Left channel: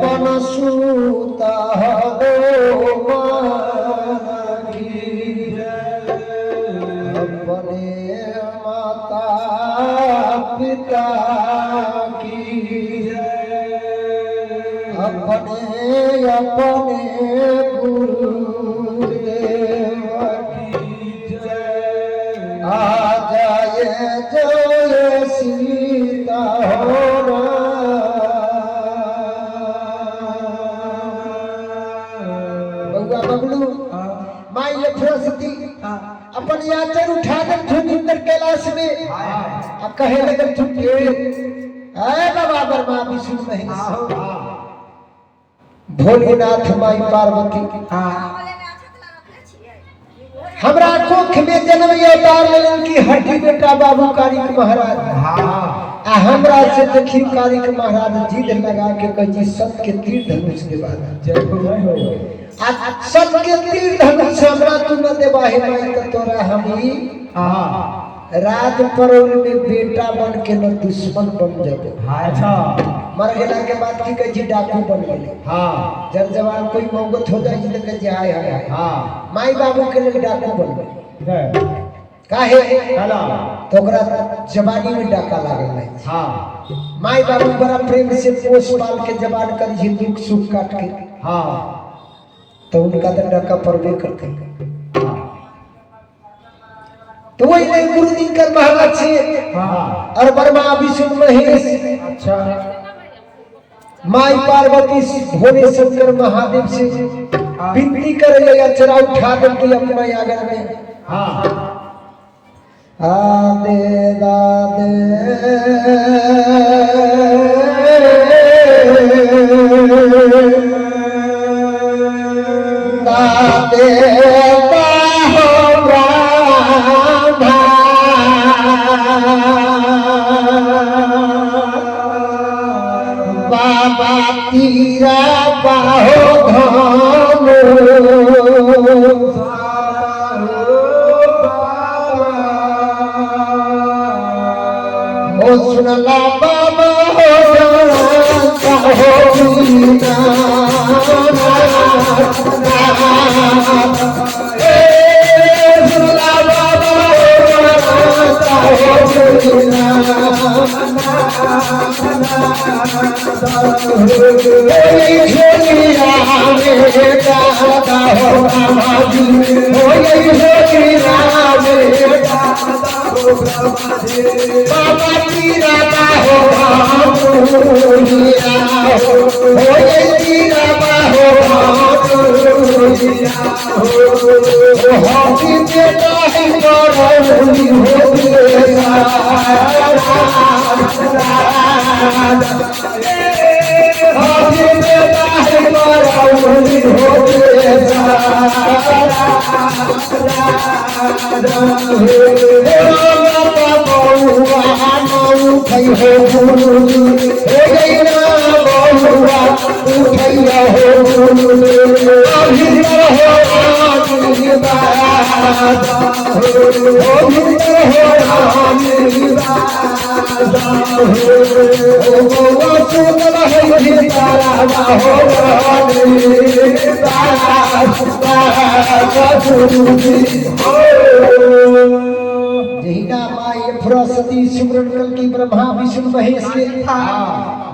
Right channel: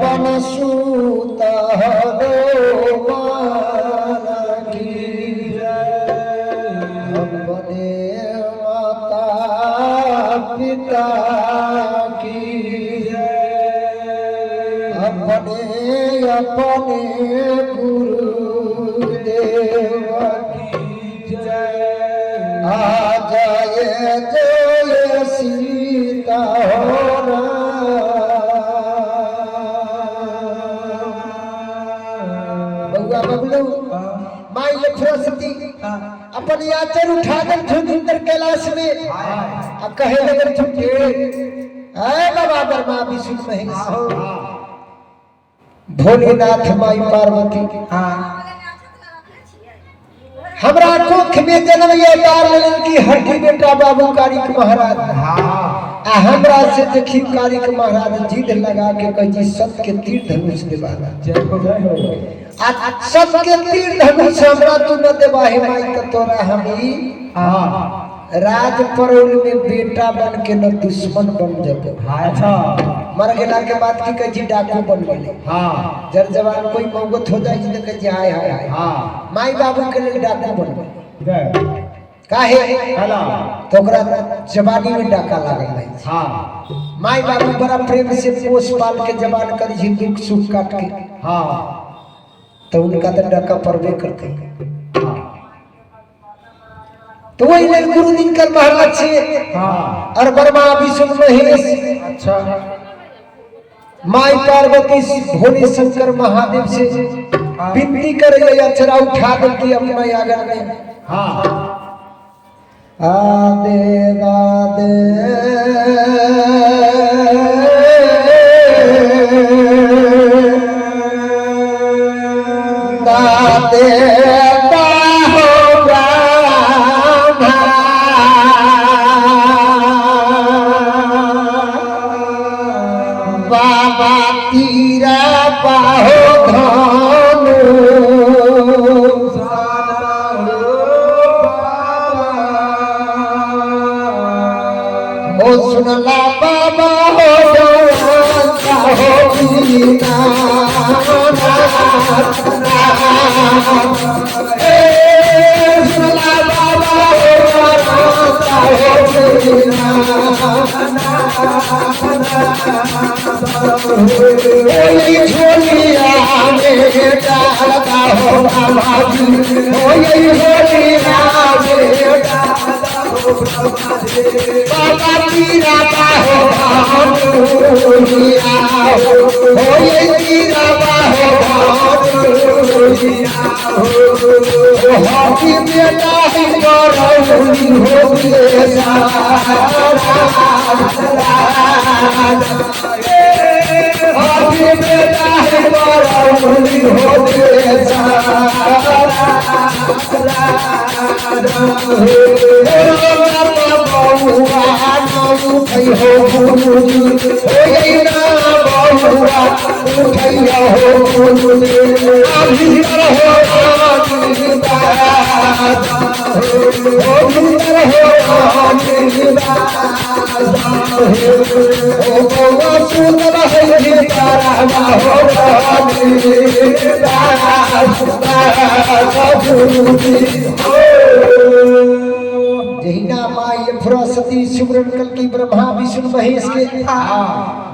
पवन सूता हो अपने माता पिता की अपने अपने गुरुदेव की आ जाए जय सीता हो बबलू माई सरस्वती अपन याचन उठा कर इंद्र कैलाश में अब कहे लगे छुट्टी है बाबा बर्मा विष्णु महेश भोलेनाथ माई पार्वती हमरा कोख में जन्म ये अवतार लेन की हड्डी बेटा बाबू कारिक महाराज हमरा से देखी कारिक महाराज जिद लगा के कही सत के तीर धनुष देवाना जय हो सत के तीर धनुष हमरा तू न देवाहे माई त तोरा हमी राज परौल में बेटा बन के न दुश्मन बन जबो अच्छा मर गेला के बाद की कही डाकू बन गेले हां जर जवान कोई मौगत हो जाई त कही हाय हाय हां माई बाबू के लिए डाकू बन गए काहे तो ओकरा जवानी में डाका लागल है हां माई बाबू बड़ा प्रेम से पोस पाल के जवान कर जी दुख सुख काट के हां तो उनका तो डाका परवे करते तो वही नहीं गुरु दिनकर महाराज से और ब्रह्मा विष्णु महेश अच्छा माई पार्वती भोले शंकर महादेव से विनती करे अचरा उठा देती अपना यागर में आदे दादे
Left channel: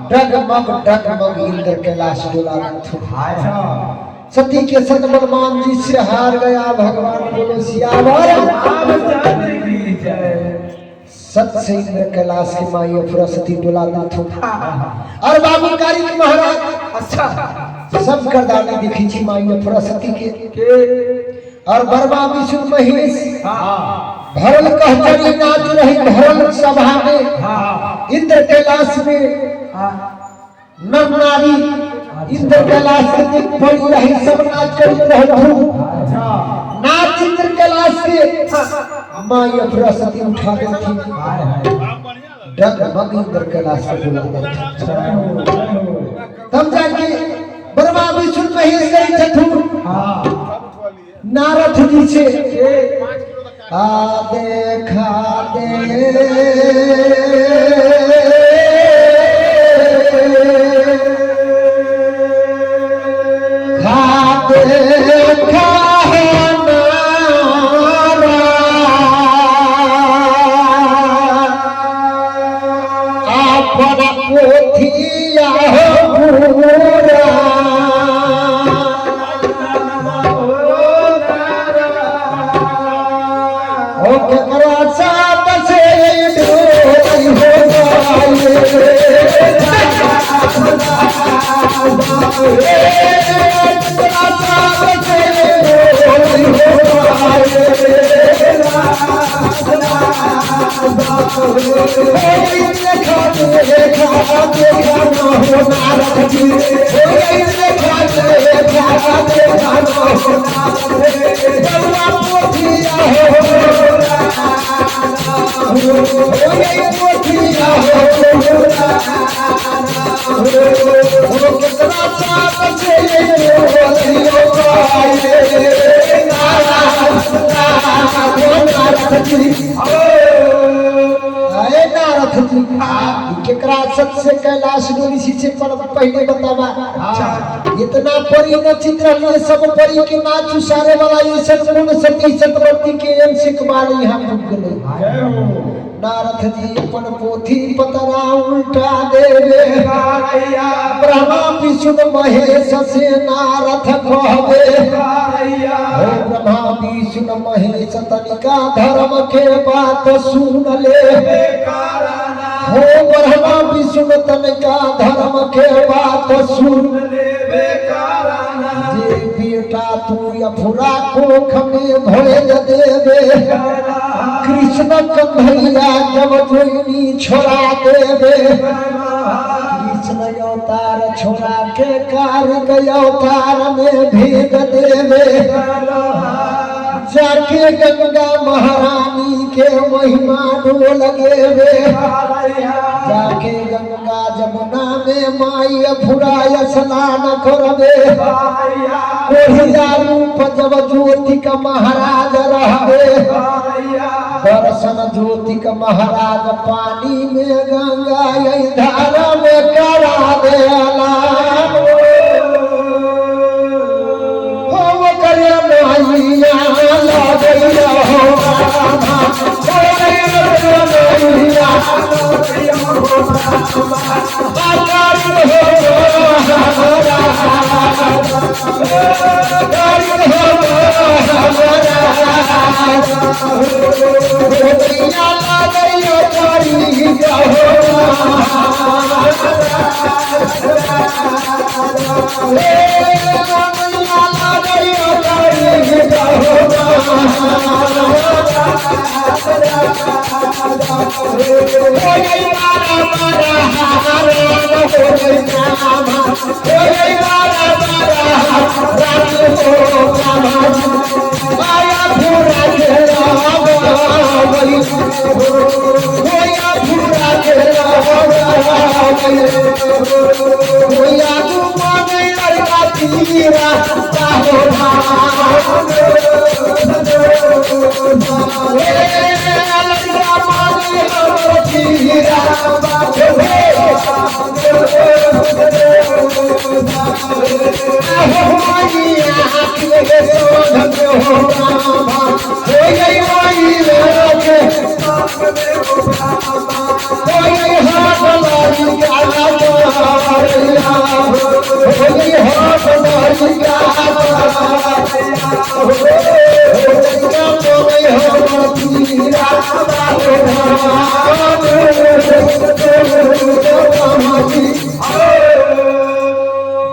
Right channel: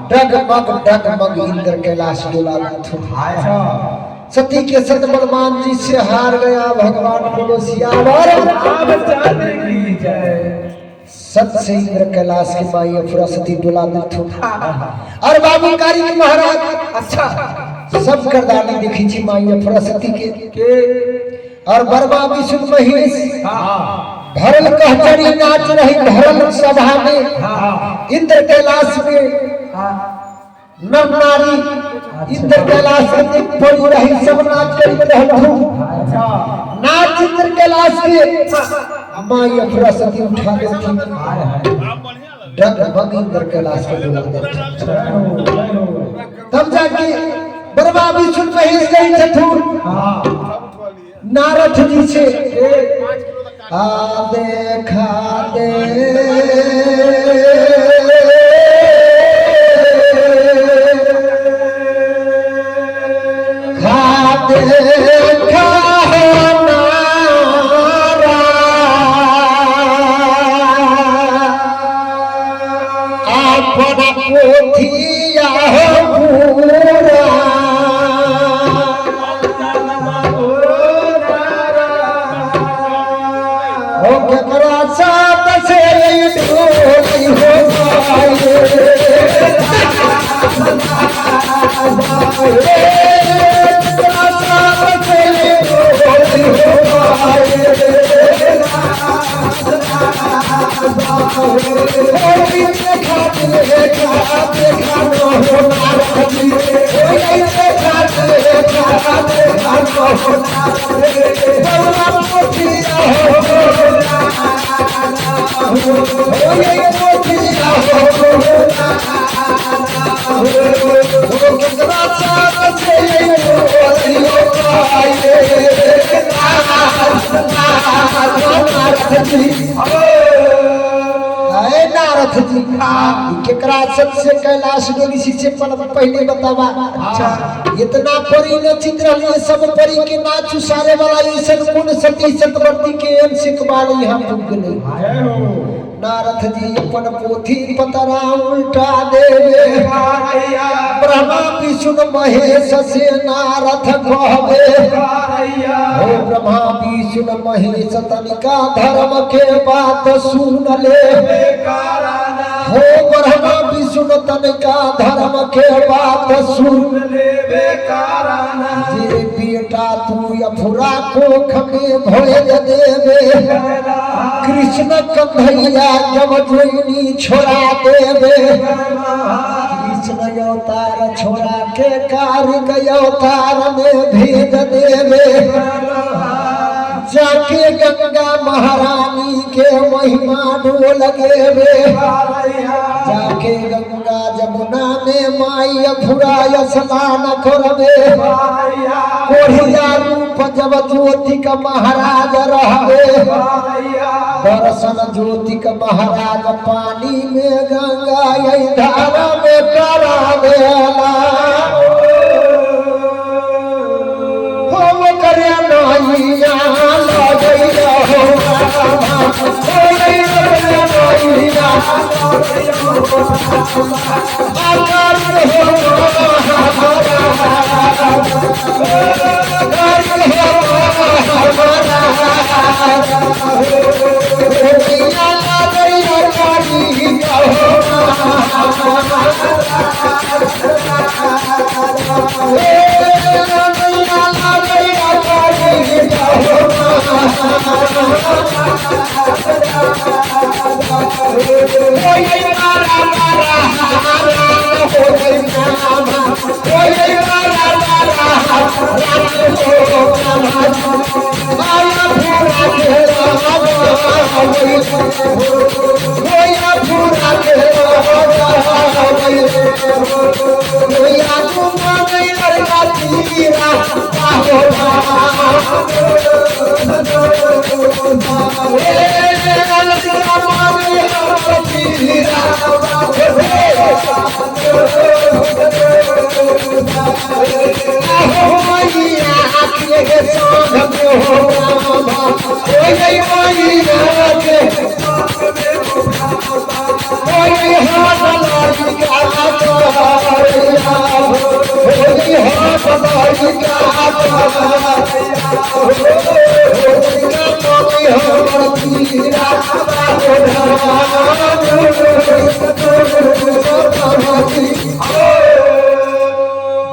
डगमग इंद्र कैलाश सती के सत बलवान जी से हार गया भगवान बोलो सियावर सत से इंद्र कैलाश के माई सरस्वती डोला और बाबू कारिक महाराज अच्छा सब करदानी दिखी थी माई सरस्वती के और बर्मा विष्णु महेश भरल कहचरी नाच रही भरल सभा में इंद्र कैलाश में नर नारी इंद्र कैलाश में पड़ी रही सब नाच कर रहे नाच इंद्र कैलाश के माई सरस्वती उठा के डगमग इंद्र कैलाश को डोला तब जाके ब्रह्मा विष्णु महेश गए थे नारद जी से देखा दे अपन पोथिया पूरा हो केकरा साथ से डोली हो केकरा सबसे कैलाश डोली से पहले बतावा। अच्छा इतना परी न चित्र सब परी के नाच उसारे वाला ये सब गुण सती सतवर्ती के से कबाल यहाँ भूख नहीं नारद जी अपन पोथी पतरा उल्टा देवे ब्रह्मा विष्णु महेश से नारद कहवे हो ब्रह्मा विष्णु महेश तनिका धर्म के बात सुन ले हो ब्रह्मा विष्णु तनिका धर्म के बात सुन ले जे बेटा तू अफुरा को खमे भरे देवे कृष्ण कन्हैया जब जोइनी छोड़ा देवे कृष्ण अवतार छोड़ा के कार्य अवतार में भेज देवे जाके गंगा महारानी के महिमा डोल गेवे जाके गंगा जमुना में माई अफुरा स्नान करवे कोढ़िया रूप जब ज्योति का महाराज रहवे दर्शन ज्योति का महाराज पानी में गंगा यही धारा में करा देला हम करिया नैया लगैया हो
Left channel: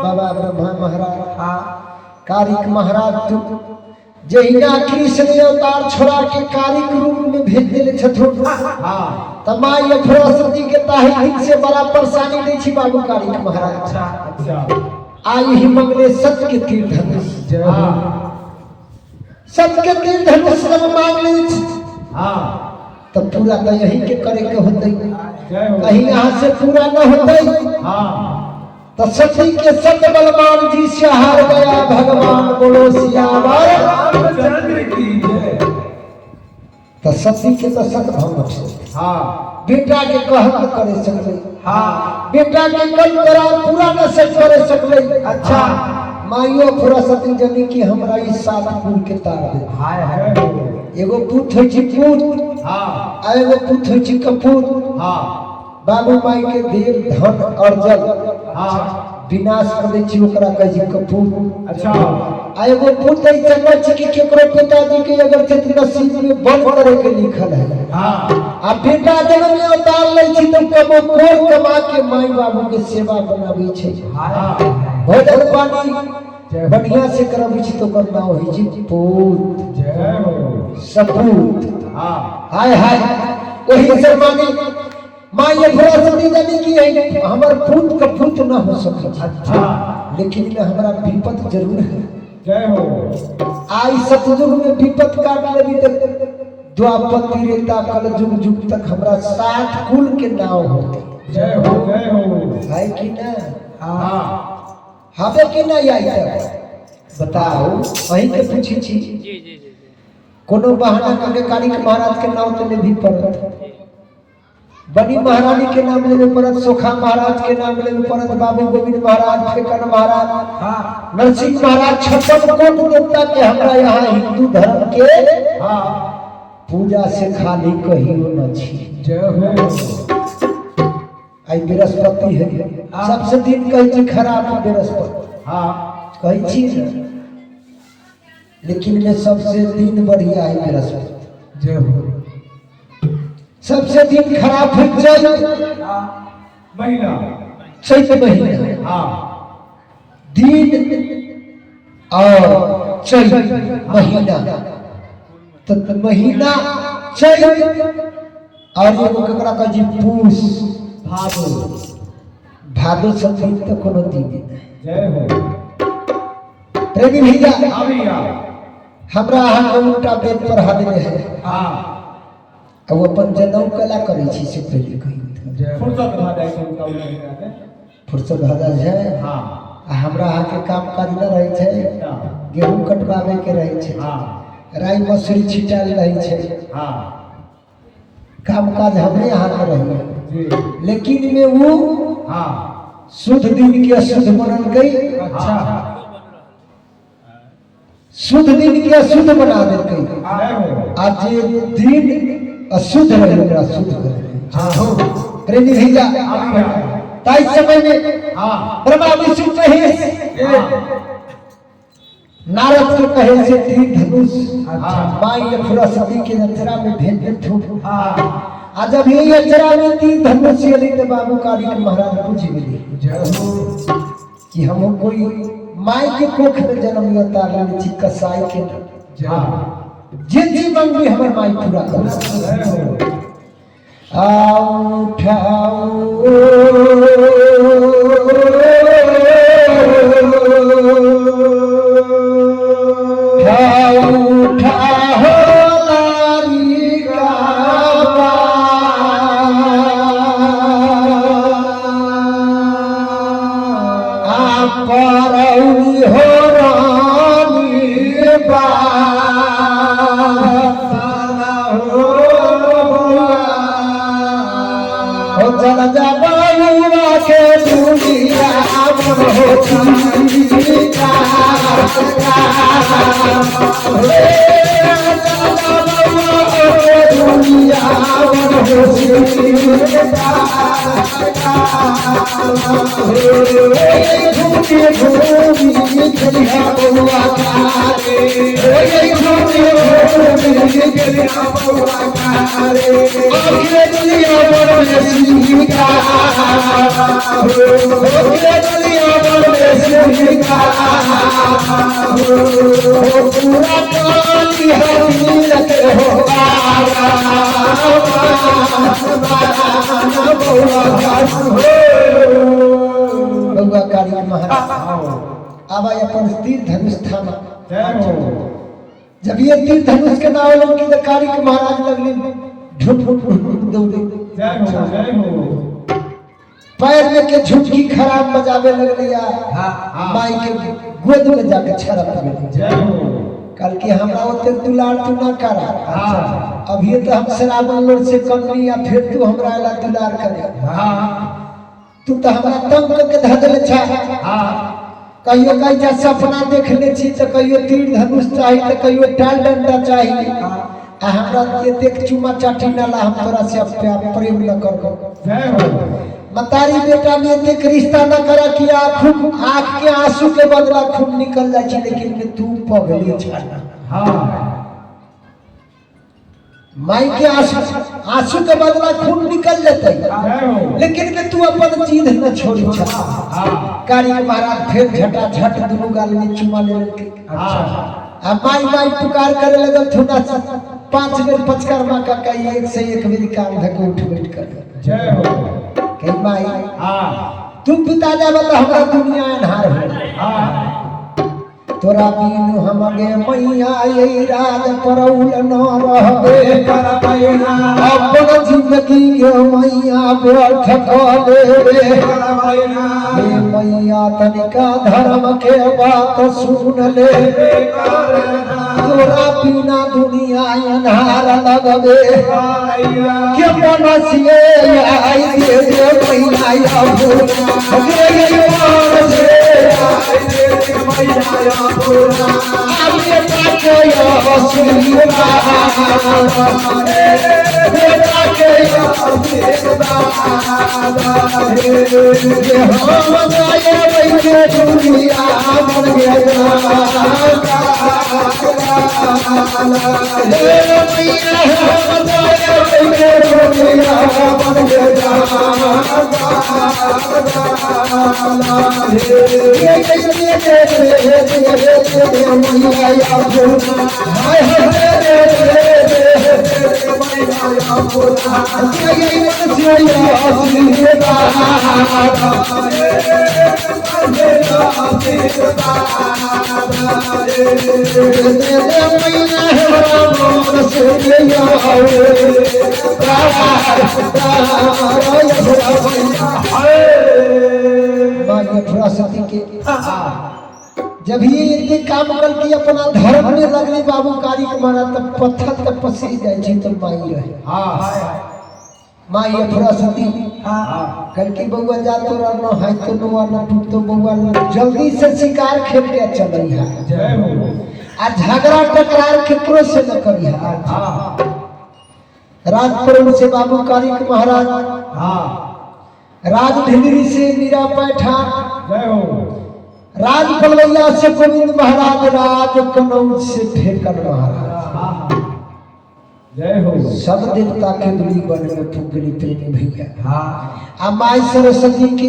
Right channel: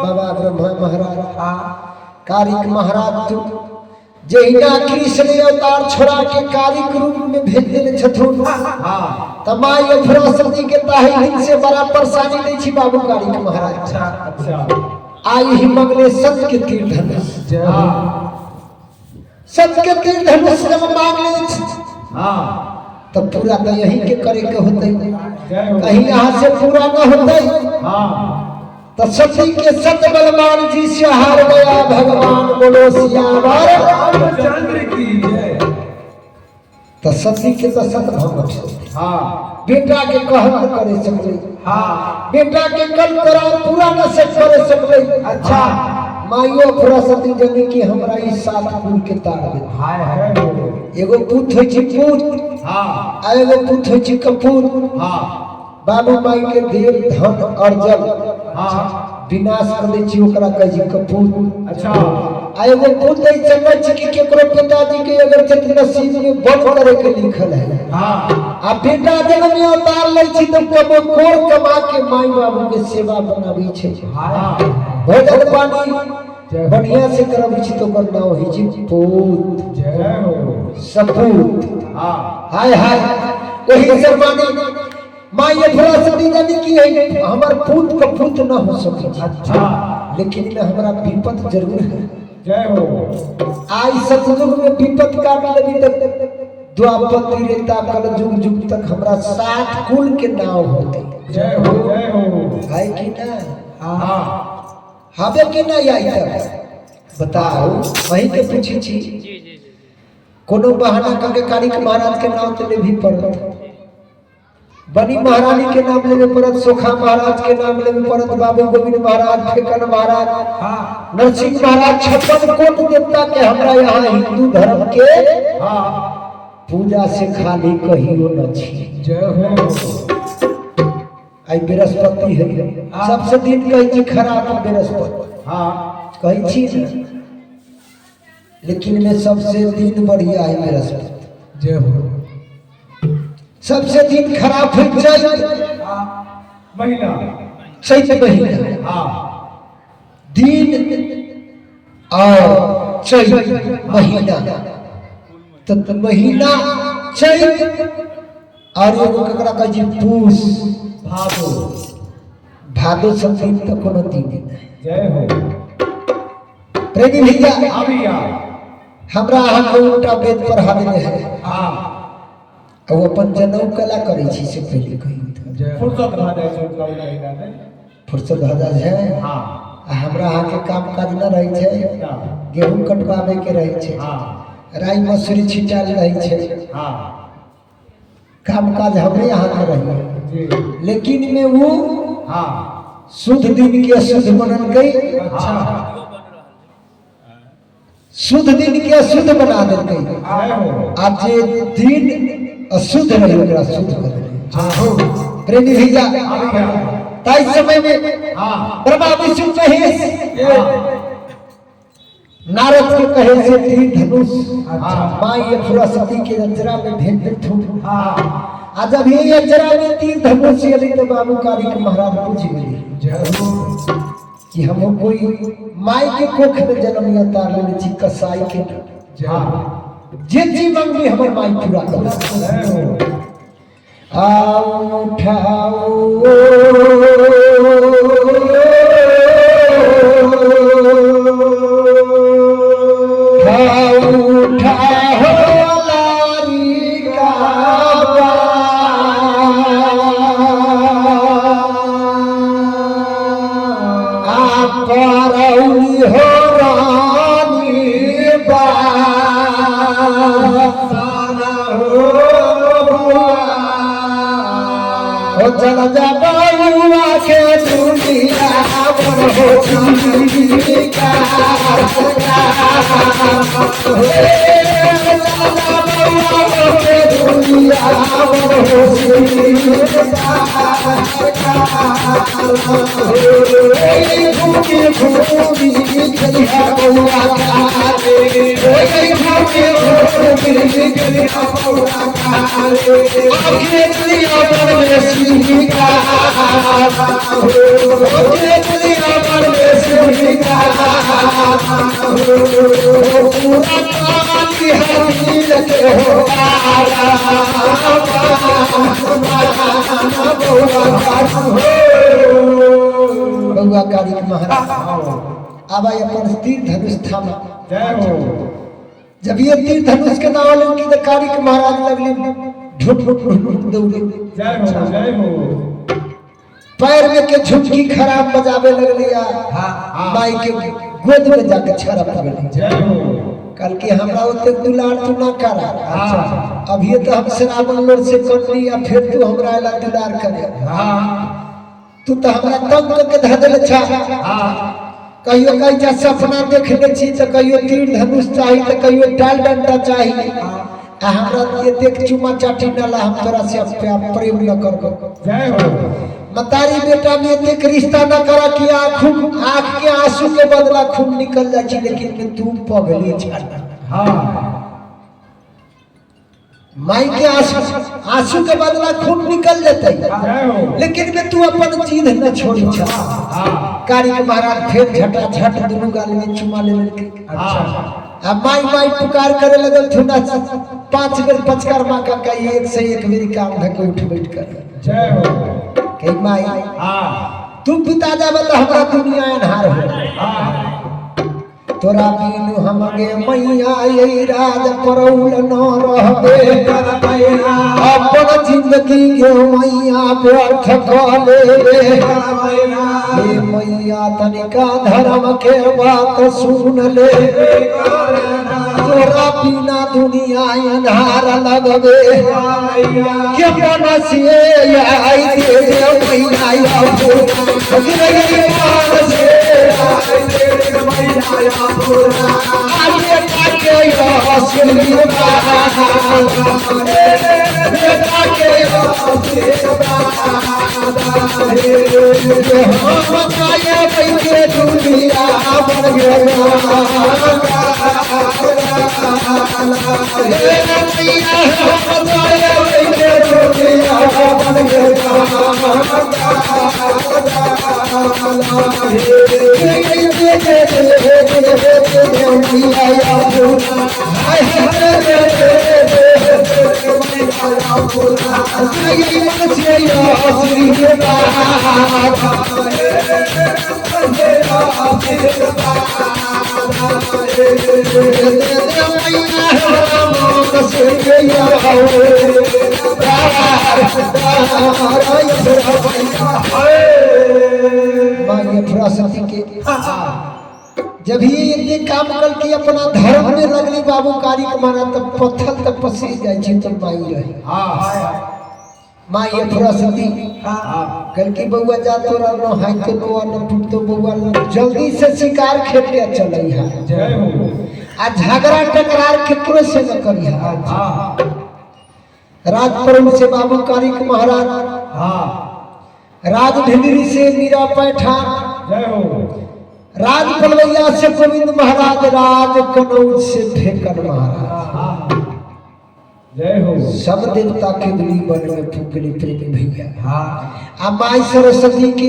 बाबा ब्रह्मा महाराज कारिक महाराज जहिना कृष्ण अवतार छोड़ा के कारिक रूप में भेज देले छथुन तमाई सरस्वती के ताही से बड़ा परेशानी नहीं छी बाबू कारिक महाराज। अच्छा आई ही मंगले सत्य के तीर धनुष सत्य के तीर धनुष जब मांग ले तब पूरा तो यही के करे के होते कहीं यहाँ से पूरा न होते तो सती के सत्य बलवान जी से हार गया भगवान बोलो सियावर रामचंद्र की जय। तो सती के तो सत भंग बेटा के कहत करे सकले बेटा के कल करा पूरा न सक करे सकले। अच्छा माइयो पूरा सती जनी की हमरा इस साथ कुल के तार दे एगो पुत होय छी पुत एगो पुत होय छी कपूत बाबू माई के देव धन अर्जन विनाश कर दै छी ओकरा कह जी कपूर। अच्छा आ एगो पुत्र चंद्र जी के केकरो पिताजी के अगर चित नसीब में बंद करे के लिखल है आ बेटा जन्म में अवतार लै छी त कबो कोर कमा के माई बाबू के सेवा बनाबै छै। भोजन पानी बढ़िया से करबै छी तो ओकर नाम होइ छै पूत। जय हो सपूत। हाय हाय वही से मानी माई अफरासती जानी की है हमर पूत का पूत न हो सके। अच्छा लेकिन में हमरा विपत जरूर है। जय हो। आई सतयुग में विपत काट लेबी तक द्वापर त्रेता कल युग युग तक हमरा 7 कुल के नाव होते। जय हो जय हो। है कि ना? हां हबे कि नहीं आई तब बताओ वही के पूछी छी। जी जी जी कोनो बहाना करके कारिक महाराज के नाम तो लेबी पड़त, बनी महारानी के नाम लेवे पड़त, सोखा महाराज के नाम लेवे पड़त, बाबू गोविंद महाराज, फेकन महाराज, नरसिंह महाराज, 56 कोट देवता के हमरा यहाँ हिंदू धर्म के पूजा से खाली कहियो न छी। जय हो। आई बृहस्पति है सबसे दिन कही छी खराब बृहस्पति कही छी न, लेकिन में सबसे दिन बढ़िया है बृहस्पति। जय हो। सबसे दिन खराब हो जाए महीना चैत महीना दिन और चैत महीना तो महीना चैत और एगो ककरा कह जी पूस भादो। भादो सब दिन तो कोनो दिन नहीं। जय हो। प्रेमी भैया भैया हमरा अहाँ के उल्टा वेद पर हाजिर है। अब अपन जनऊ कला करे छी से पहले कही फुर्सत भा जाय छै कम महीना में फुर्सत भा जाय छै। हां हमरा अहाँ के काम काज न रहे छै, गेहूं कटवावे के रहे छै, राई मसूरी छिटाल रहे छै, काम काज हमरे यहाँ के रहे। लेकिन में वो शुद्ध दिन के अशुद्ध बनल गई। अच्छा शुद्ध दिन के अशुद्ध बना देल गई। आज दिन अशुद्ध रहे ओकरा शुद्ध कर देल। प्रेमी भैया ताई समय में ब्रह्मा विष्णु महेश नारद के कहे से तीर धनुष माई अफरासती के अजरा में भेज दे। आ जब ये अजरा में तीर धनुष चली तो बाबू कारिक महाराज पूछ गए कि हम कोई माई के कोख में जन्म लेता ले छी कसाई के जे जीवन भी हमर माई पूरा कर। आओ उठाओ अब अपन तीर धनुष थामा। जब ये तीर धनुष के नाव लगी तो कारिक महाराज लगले ढुक ढुक दौड़े। पैर में के झुमकी खराब बजावे लगले माई के गोद में जाके छरप गेले। कल के हमरा ओते दुलार तू ना करा। अभी तो हम श्रावण लोर से कर ली या फिर तू हमरा ला दुलार करे। तू तो हमरा तंग के धदल छा। कहियो कहीं सपना देख ले छी तो कहियो तीर धनुष चाहिए तो कहियो टाल डंडा चाहिए। हमरा एतेक चुमा चाटी ना ला हम तोरा से प्रेम न करबो। जय हो। मतारी बेटा में एतेक रिश्ता न करा कि आँख के आंसू के बदला खून निकल जाए छी, लेकिन तू पगली छाड़ा। हाँ माई के आंसू के बदला खून निकल जाते, लेकिन में तू अपन चीज न छोड़ी छा। कारी महाराज फिर झटा झट दोनों गाल में चुमा ले लेके अब माई माई पुकार करे लगल थोड़ा सा 5 बेर पचकार माँ का कही एक से एक मेरी काम धके उठ बैठ कर। जय हो। कही माई तुम पिता जाब तो हमरा दुनिया अन्हार हो, तोरा बिनु हमगे मैया यही राज परौल न रहबे करबैना, अपन जिंदगी के मैया व्यर्थ क लेबे करबैना। हे मैया तनिका धर्म के बात सुन लेबे करबैना, तोरा बिना दुनिया अन्हार लगबे करबैना। के बनसिए आई दे मैया या भूला गे मान से आई दे मैया या भूला आगे ताके या सुनिए बाबा बेटा के या हे हम जाए बैठे दुनिया बन गया हे मैया हम जाए बैठे दुनिया बन गया जब ही इतने काम करती अपना धर्म में लगली बाबू कारी के मारा तब पत्थर तक पसीज जाए छी तो माई रहे। माई सरस्वती कल की बउआ जा तो रहना हाथ तो बउआ न टूट तो बउआ जल्दी से शिकार खेल के चलई है। जय हो। आ झगड़ा टकरार केकरो से न करी है। राजपुर से बाबू कारी के महाराज, राज ढिलरी से मीरा पैठान, जय हो। राज पलवैया से गोविंद महाराज, राज कनौज से फेकन महाराज, जय हो। सब देवता के दुली बन में फूकली प्रेम भैया। आ माई सरस्वती के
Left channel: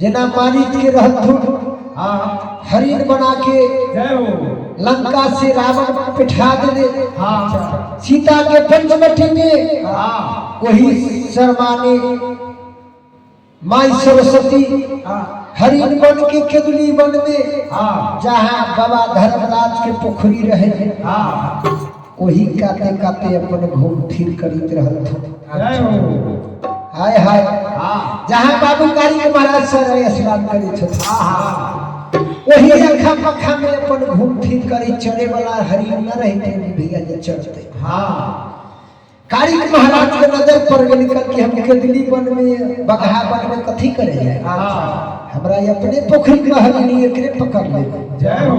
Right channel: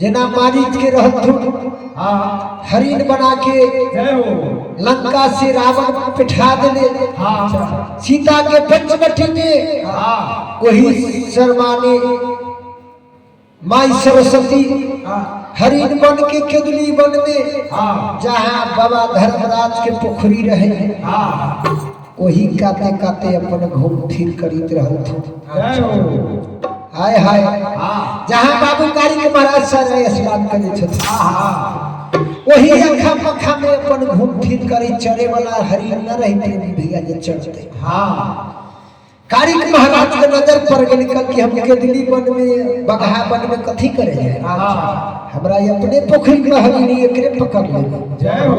जना मारीच के रहत हरिण बना के जय हो। लंका से रावण पिठा दे सीता के पंचवटी में वही शर्माने माई सरस्वती हरिण बन के केदुली बन में जहाँ बाबा धर्मराज के पोखरी रहे वही काते काते अपन घूम फिर करीत रहल थे। हाय हाय जहाँ बाबू कारी के महाराज सर स्नान करे थे वही अखा पखा में अपन घूम फिर करी चढ़े वाला हरिण न रहते भैया जे चढ़ते। कारिक महाराज के नजर पर निकल के हम केदुली बन में बगहा बन में कथी करे जाए, हमरा अपने पोखरी में हरिणी एकरे पकड़ ले। जय हो।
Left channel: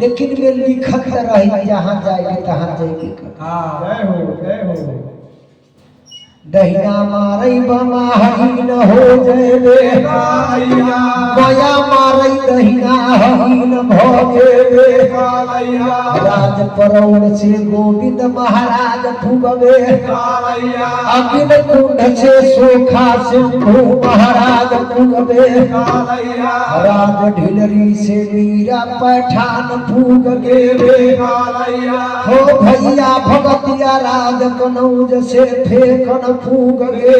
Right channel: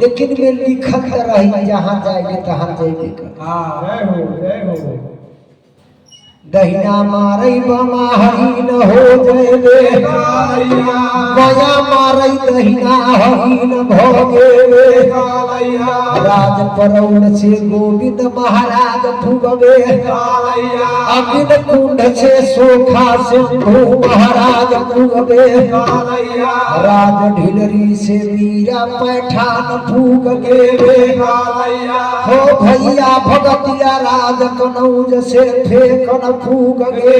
लेकिन में लिखत रही जहाँ जाएगी तहाँ जाएगी। जय हो। जय हो। दहिना मारई बमा हरिण हो जयबे बया मारई दहिना हरिण भोगे राज परौन से गोविंद महाराज भुगवे अगिल कुंड से सोखा से महाराज भुगवे राज ढिलरी से मीरा पैठान भूग गे हो भैया भगतिया राज कनौज से फेकन फूक गे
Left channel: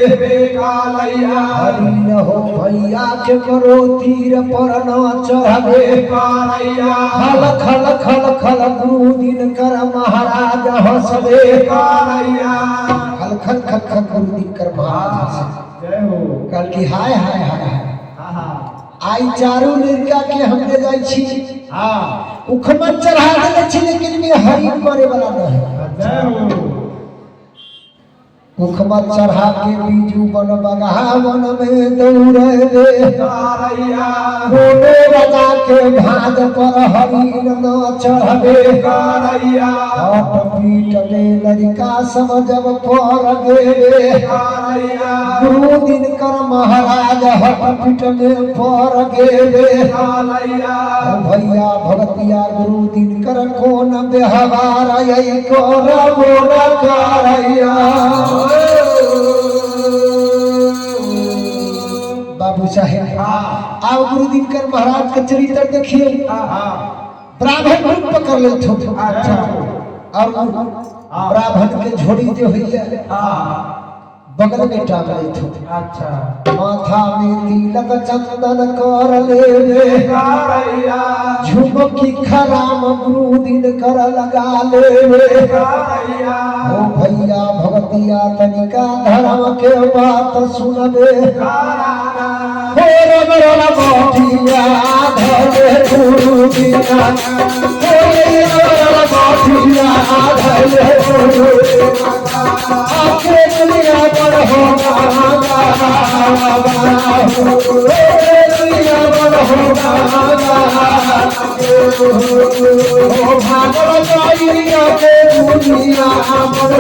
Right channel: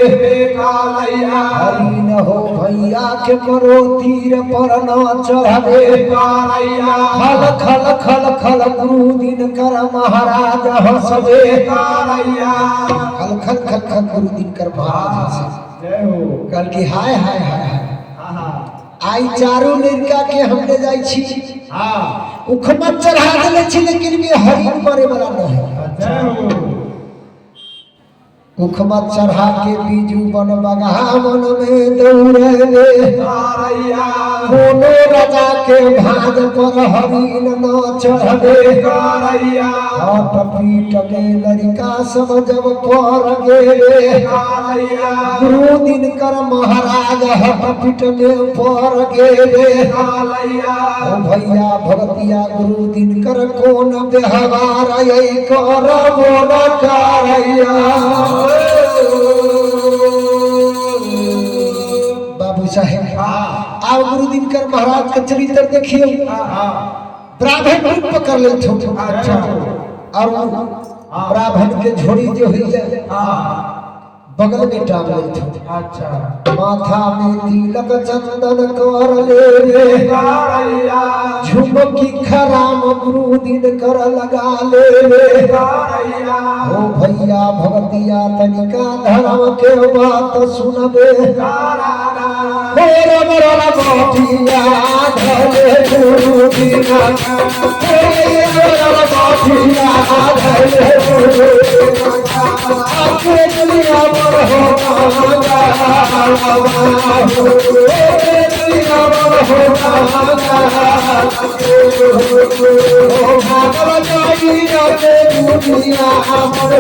हरिण हो भैया के करो तीर पर न चढ़े खल खल खल खल गुरु दिन कर महाराज हंसबे खल खल खल खल गुरु दिन कर महाराज हंसे। कल की हाय हाय हाय आई चारू लड़का के हमने जाई छी उखमा चढ़ा देले छी, लेकिन में हरिण मरे वाला न है। उखमत चढ़ा के बीजू बन बगावन में दौड़े कारैया कोनो राजा के भाग पर हरिन न चढ़े कारैया हट पीट में लड़का सब जब पर गेले कारैया गुरु दिनकर महाराज हट पीट में पर गेले कारैया भैया भगतिया गुरु दिनकर कोन व्यवहार यही कर मोन कारैया बाबू साहेब आप गुरु दिनकर महाराज का चरित्र देखिए ब्राह्मण रूप पकड़ ले अच्छा और ब्राह्मण के झोड़ी जो हुई है बगल में टांग ले अच्छा माथा में तिलक चंदन कर ले कारैया झुमकी खराम गुरु दिनकर लगा ले कारैया ओ भैया भगतिया तनिका धर्म के बात सुनबे कारैया रब रब बाटिया धरे गुरु दिना रब बाटिया धरे गुरु आपके दुनिया पर होना दुनिया पर होना भागव जाइया के दुनिया पर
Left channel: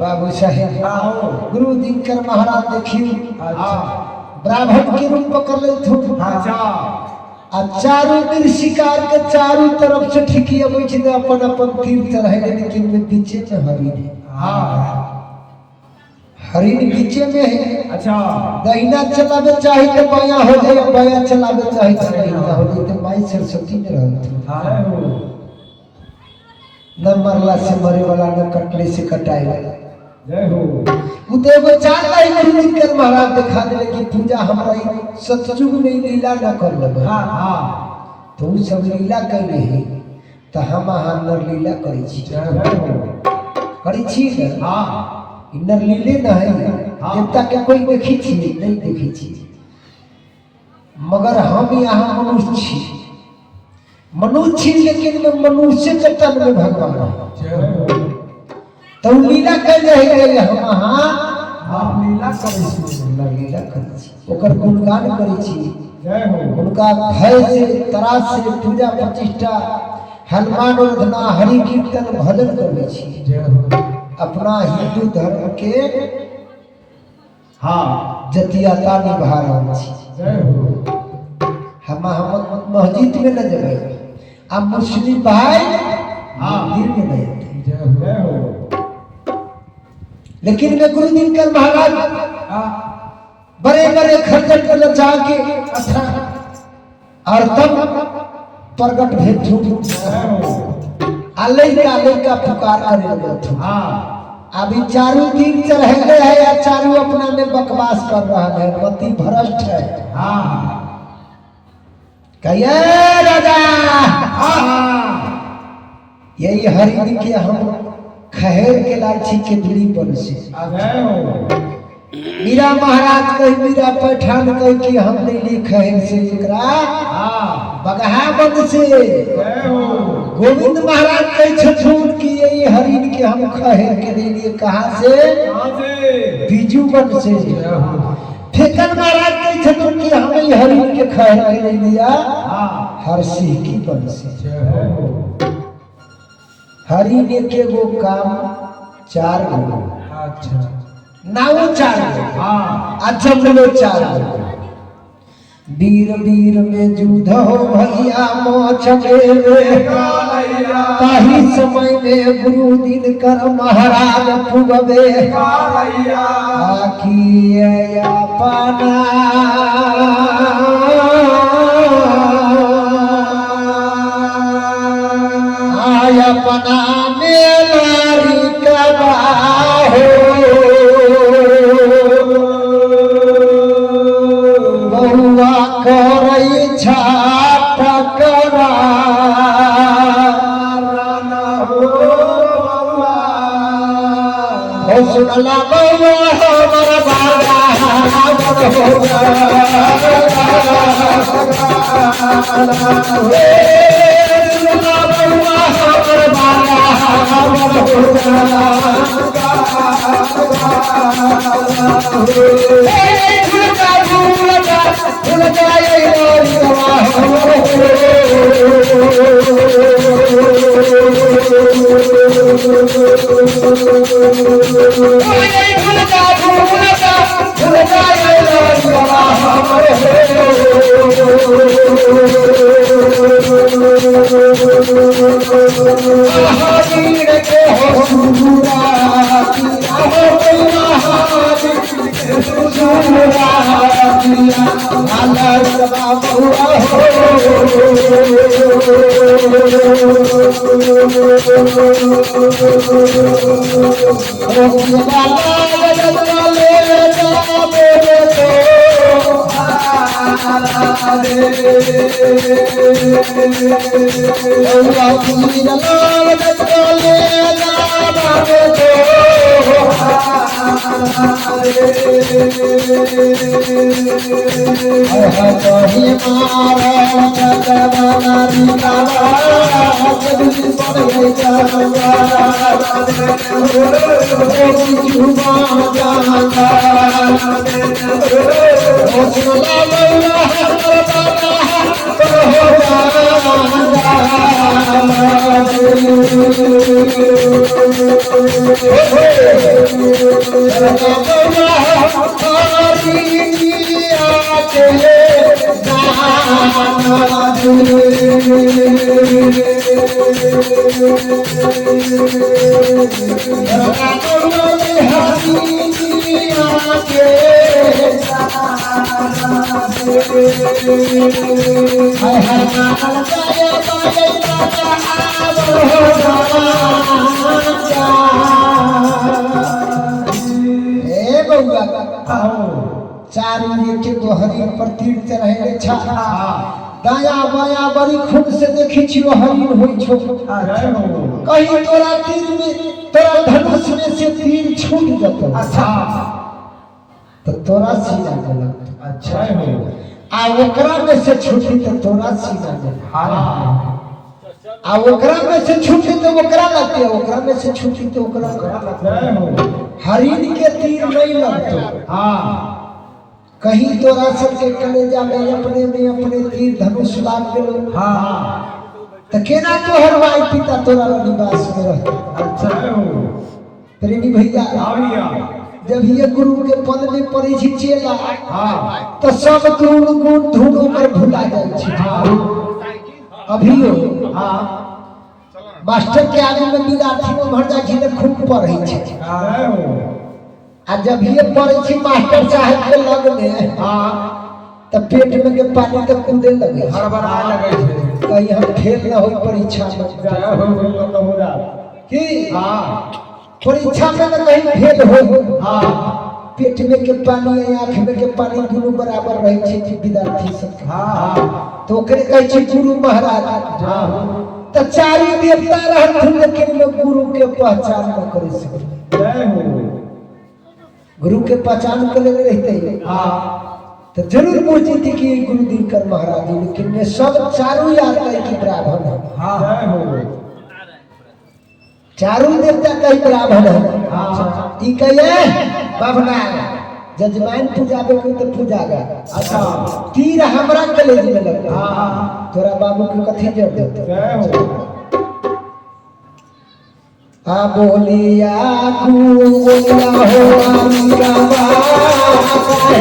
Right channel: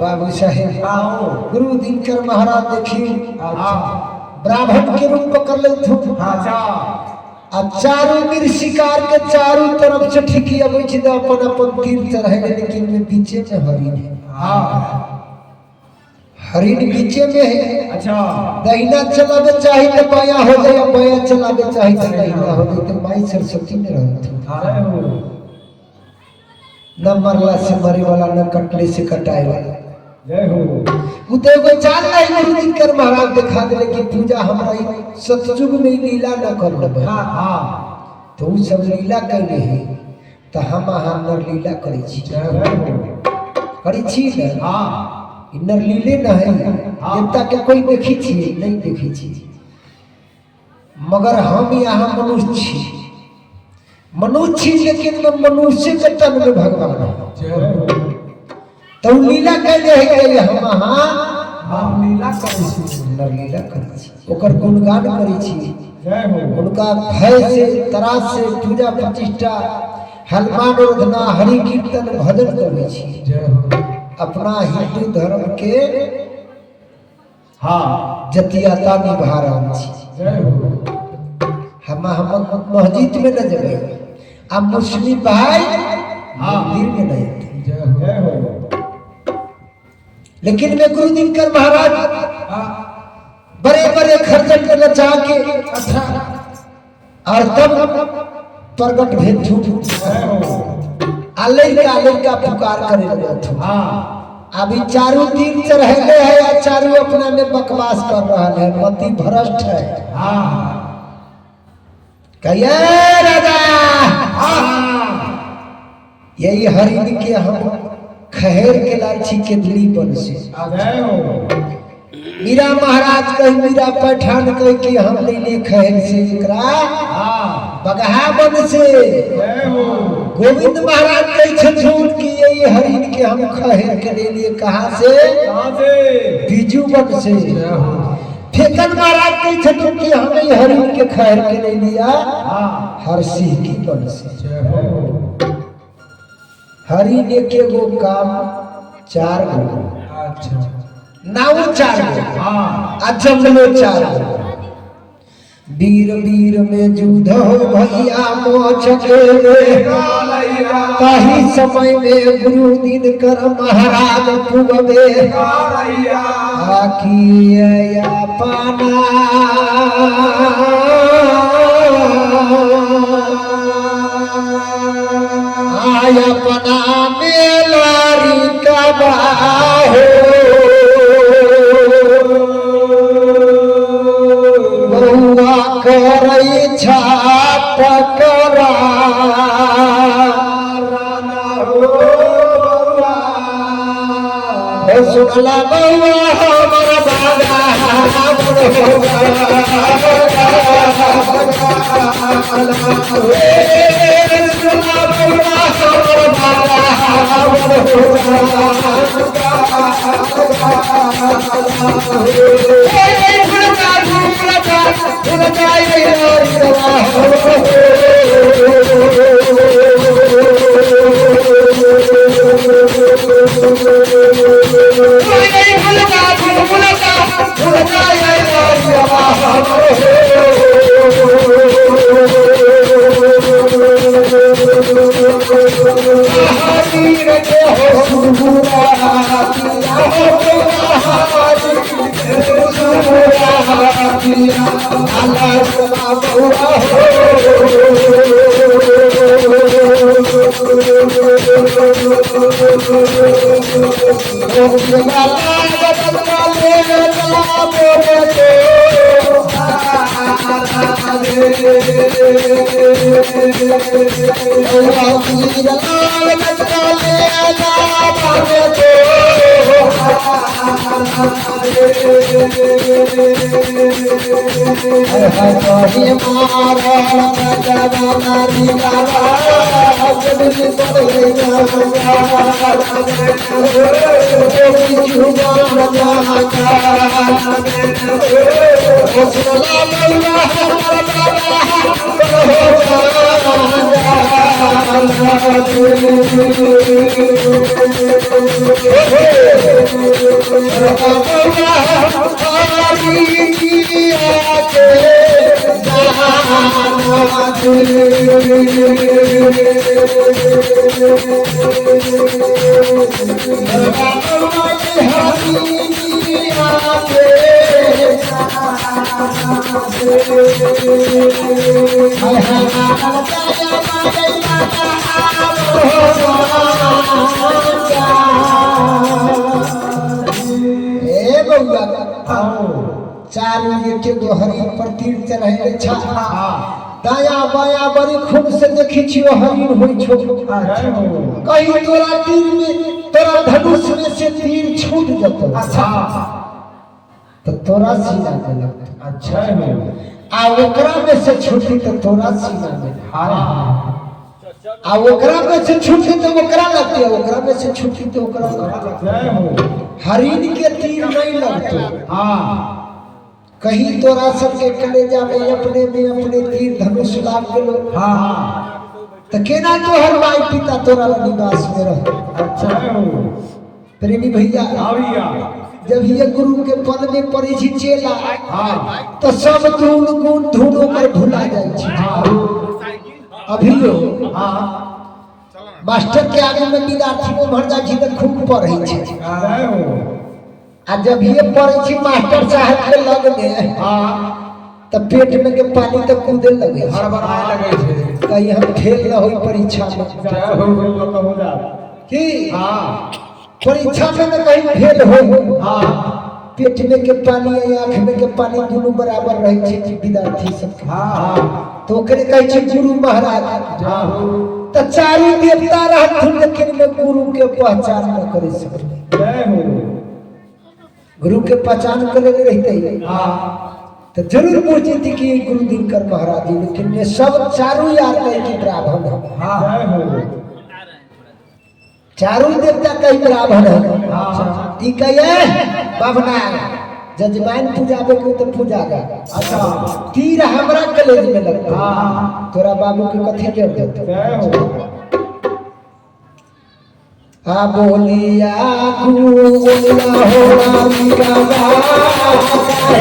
बाबू साहेब गुरु दिनकर महाराज देखिए ब्राह्मण के रूप पकड़ ले अब चारों वीर शिकार के चारों तरफ से ठिकी अब अपन अपन तीर चढ़े लेकिन में पीछे में हरिण है हरिण पीछे में है अच्छा दाहिना चलावे चाहे तो बाया हो जाए बाया चलावे चाहे तो दाहिना हो जाए तो माई सरस्वती में रहती न मरला से मरे वाला न कटले से कटाए वाला जय हो उते को चाल नहीं गुरु दिनकर महाराज दिखा दे कि पूजा हमरा सतयुग में लीला न कर लेबे तो उ सब लीला कैले है तो हम नर लीला करै छी करै छी ना नर लीले न है देवता के कोई देखी छी नहीं देखी छी मगर हम यहाँ मनुष्य छी मनुष्य छी लेकिन मनुष्य के तन में भगवान है तो लीला कैले है हम लीला करै छी लीला करै छी ओकर गुणगान करै छी जय हो उनका भय से त्रास से पूजा प्रतिष्ठा हनुमान उधना हरि कीर्तन भजन करै छी जय हो अपना हिंदू धर्म के हाँ जतियाता निभा रहल छी जय हो हम मस्जिद में न जबै अब मुस्लिम भाई मंदिर में नहीं आते जय हो लेकिन वे गुरु दिनकर महाराज बड़े बड़े खर्चन को नचा के अच्छा और तब प्रगट भेद झूठ आले का पुकार करे लगे अभी चारों दिन चढ़े है या चारों अपना में बकवास कर रहा है मति भ्रष्ट है कहिए राजा यही हरिद के हम खहेर के लालची के दूरी पर से मीरा महाराज कही मीरा पैठान कही कि हम ले खहेर से बगहा बन से गोविंद महाराज कही छछूट कि यही हरिन के हम खहेर के ले लिए कहाँ से बीजू बन से फेकन महाराज कही छछूट कि हम यही हरिन के खहेर के ले लिया हर सिंह की बन से हरि ने के वो काम 4 गो अच्छा नाउ 4 गो अजमलो 4 गो वीर वीर में युद्ध हो भैया मोछ के ताही समय में गुरु दिन कर महाराज पुगवे आकिया पाना आया पना मेलारी कबा हो बउआ करई छाप करा हो सुनला बउआ हमर बाबा हमर चारू एक दोहरी पर तीर्थ रहे छा दाया बाया बड़ी खूब से देखी छियो हरिण होई छो कहीं तोरा तीर में तोरा धनुष में से तीर छूट जतो अच्छा तो तोरा सीना में लगतो अच्छा है आ ओकरा में से छूटी तो तोरा सीना में हां आ ओकरा में से छूटी तो ओकरा लगते ओकरा में से छूटी तो ओकरा जय हो हरिण के तीर नहीं लगतो हां कहीं तोरा सबके कलेजा में अपने तीर धनुष लाग गेलो हां तो केना तोहर माई पिता तोरा निवास में रह अच्छा हो प्रेमी भैया आवलिया जब ये गुरु के पद में पड़ी छी चेला हां तो सब गुण धूल कर भुला जाए छी अभियो हां मास्टर के आगे में विद्यार्थी में भर जाए छी तो खूब पढ़े छी जय हो आ जब ये पढ़े छी मास्टर साहब के लग में हां तो पेट में के पानी तो कूदे लगे हड़बड़ाए लगे छे कहीं हम फेल न होई परीक्षा में जय हो लोग हो जा कि हां परीक्षा में तो कहीं फेल हो हां पेट में के पानी आंख में के पानी दोनों बराबर रहे छे विद्यार्थी सब हां तो ओकरे कहै छे गुरु महाराज हां तो चारू देवता रहथुन लेकिन में गुरु के पहचान न करे सके जय हो गुरु के पहचान करे रहते हां तो जरूर पूछती थी कि गुरु दिनकर महाराज जी लेकिन ये सब चारू याद है कि ब्राह्मण है हां जय हो चारू देवता कहीं ब्राह्मण है हां ई कहे बाबना जजमान पूजा के तो पूजा का अच्छा तीर हमरा कलेज में लगता हां तोरा बाबू के कथी जोड़ देता जय हो आ बोलिया गुला हो आलिया बाबा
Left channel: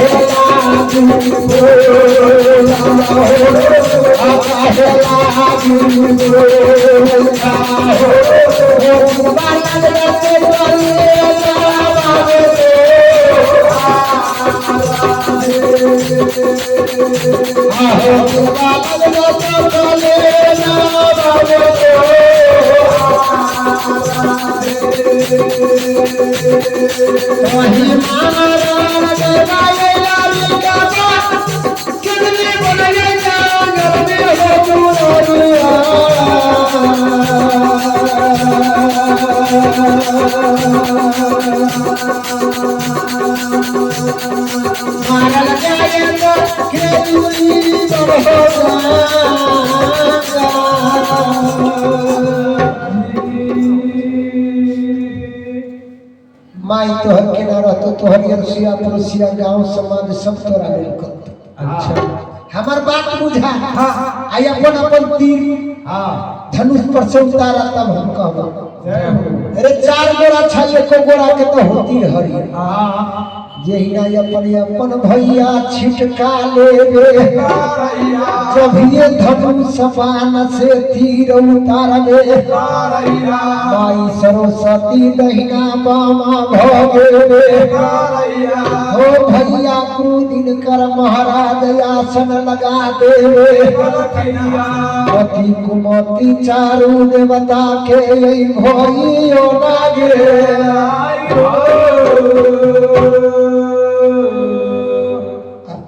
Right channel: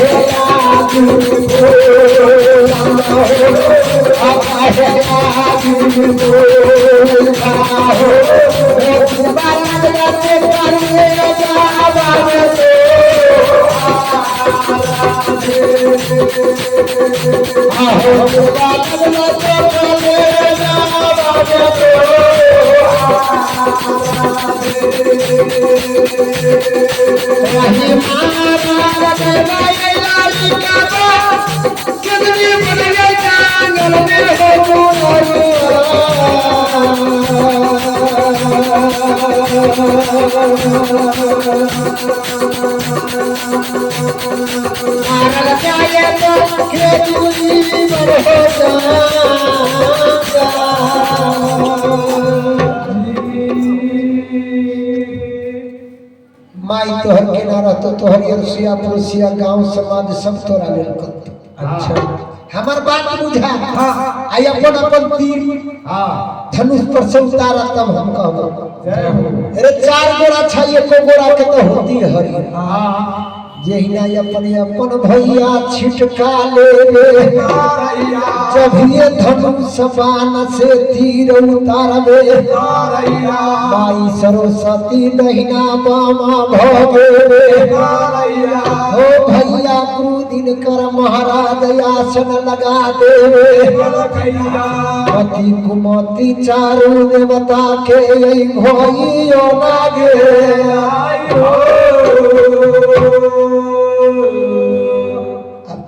माई तोहर के ना रहतो तोहर रसिया पुरुषिया गांव समाज सब तोरा लेल करतो। अच्छा हमार बात बुझा आई अपन अपन तीर हाँ धनुष पर से उतारा तब हम कहबो जय हो अरे चार गोरा छा एको गोरा के तो होती हरी हाँ जेहिना अपन भैया छिटका लेवे जब ये धनुष बाण से तीर उतारवे माई सरस्वती दहिना बामा भगवे हो भैया क्रोधिन कर महाराज आसन लगा देवे पति कुमति चारू देवता के यही भइयो लागे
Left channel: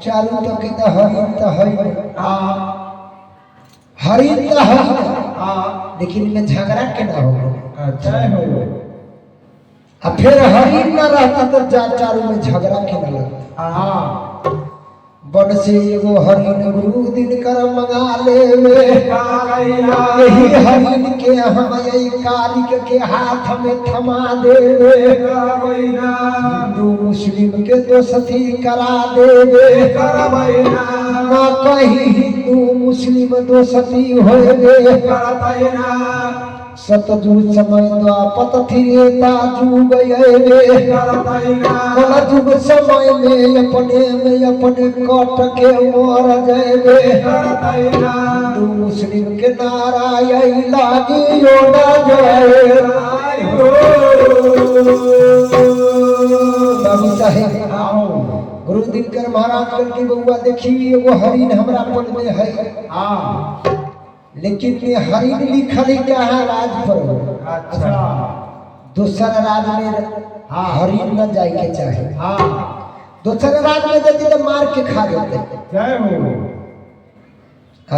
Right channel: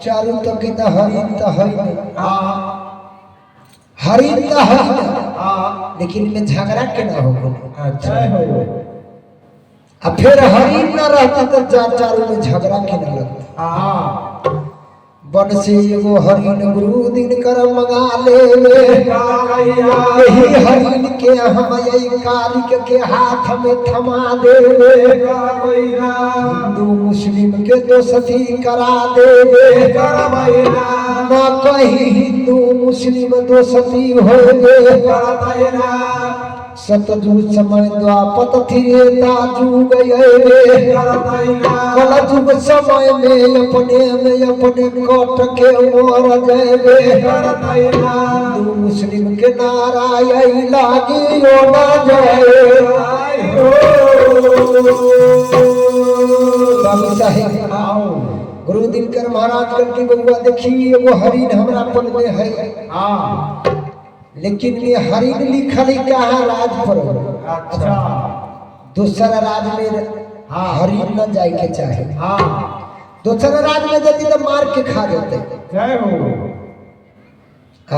चारू तो की तो हरिन तो है हरिन तो है लेकिन में झगड़ा के ना हो अच्छा अब फिर हरिन न रहता तो चारू में झगड़ा के ना लगता हाँ बन से एगो हरिन गुरु दिन कर मंगा लेवे यही हरिन के हम यही कालिक के हाथ में थमा देवे हिंदू मुस्लिम के दोस्ती करा देवे न कहीं हिंदू मुस्लिम दोस्ती होवे सतयुग समय द्वापत त्रेता युग आवे कलयुग समय में अपने कट के मर जावे हिंदू मुस्लिम के नारायण लागी यो ना जाए बाबू साहेब गुरु दिनकर महाराज करके बउआ देखी एगो हरिन हमरा पद में है लेकिन ये हरिन लिखल कहाँ राज पर हो अच्छा दूसरा राज में हरिन न जाए के चाहे हाँ दूसरा राज में जति तो मार के खा देते जय हो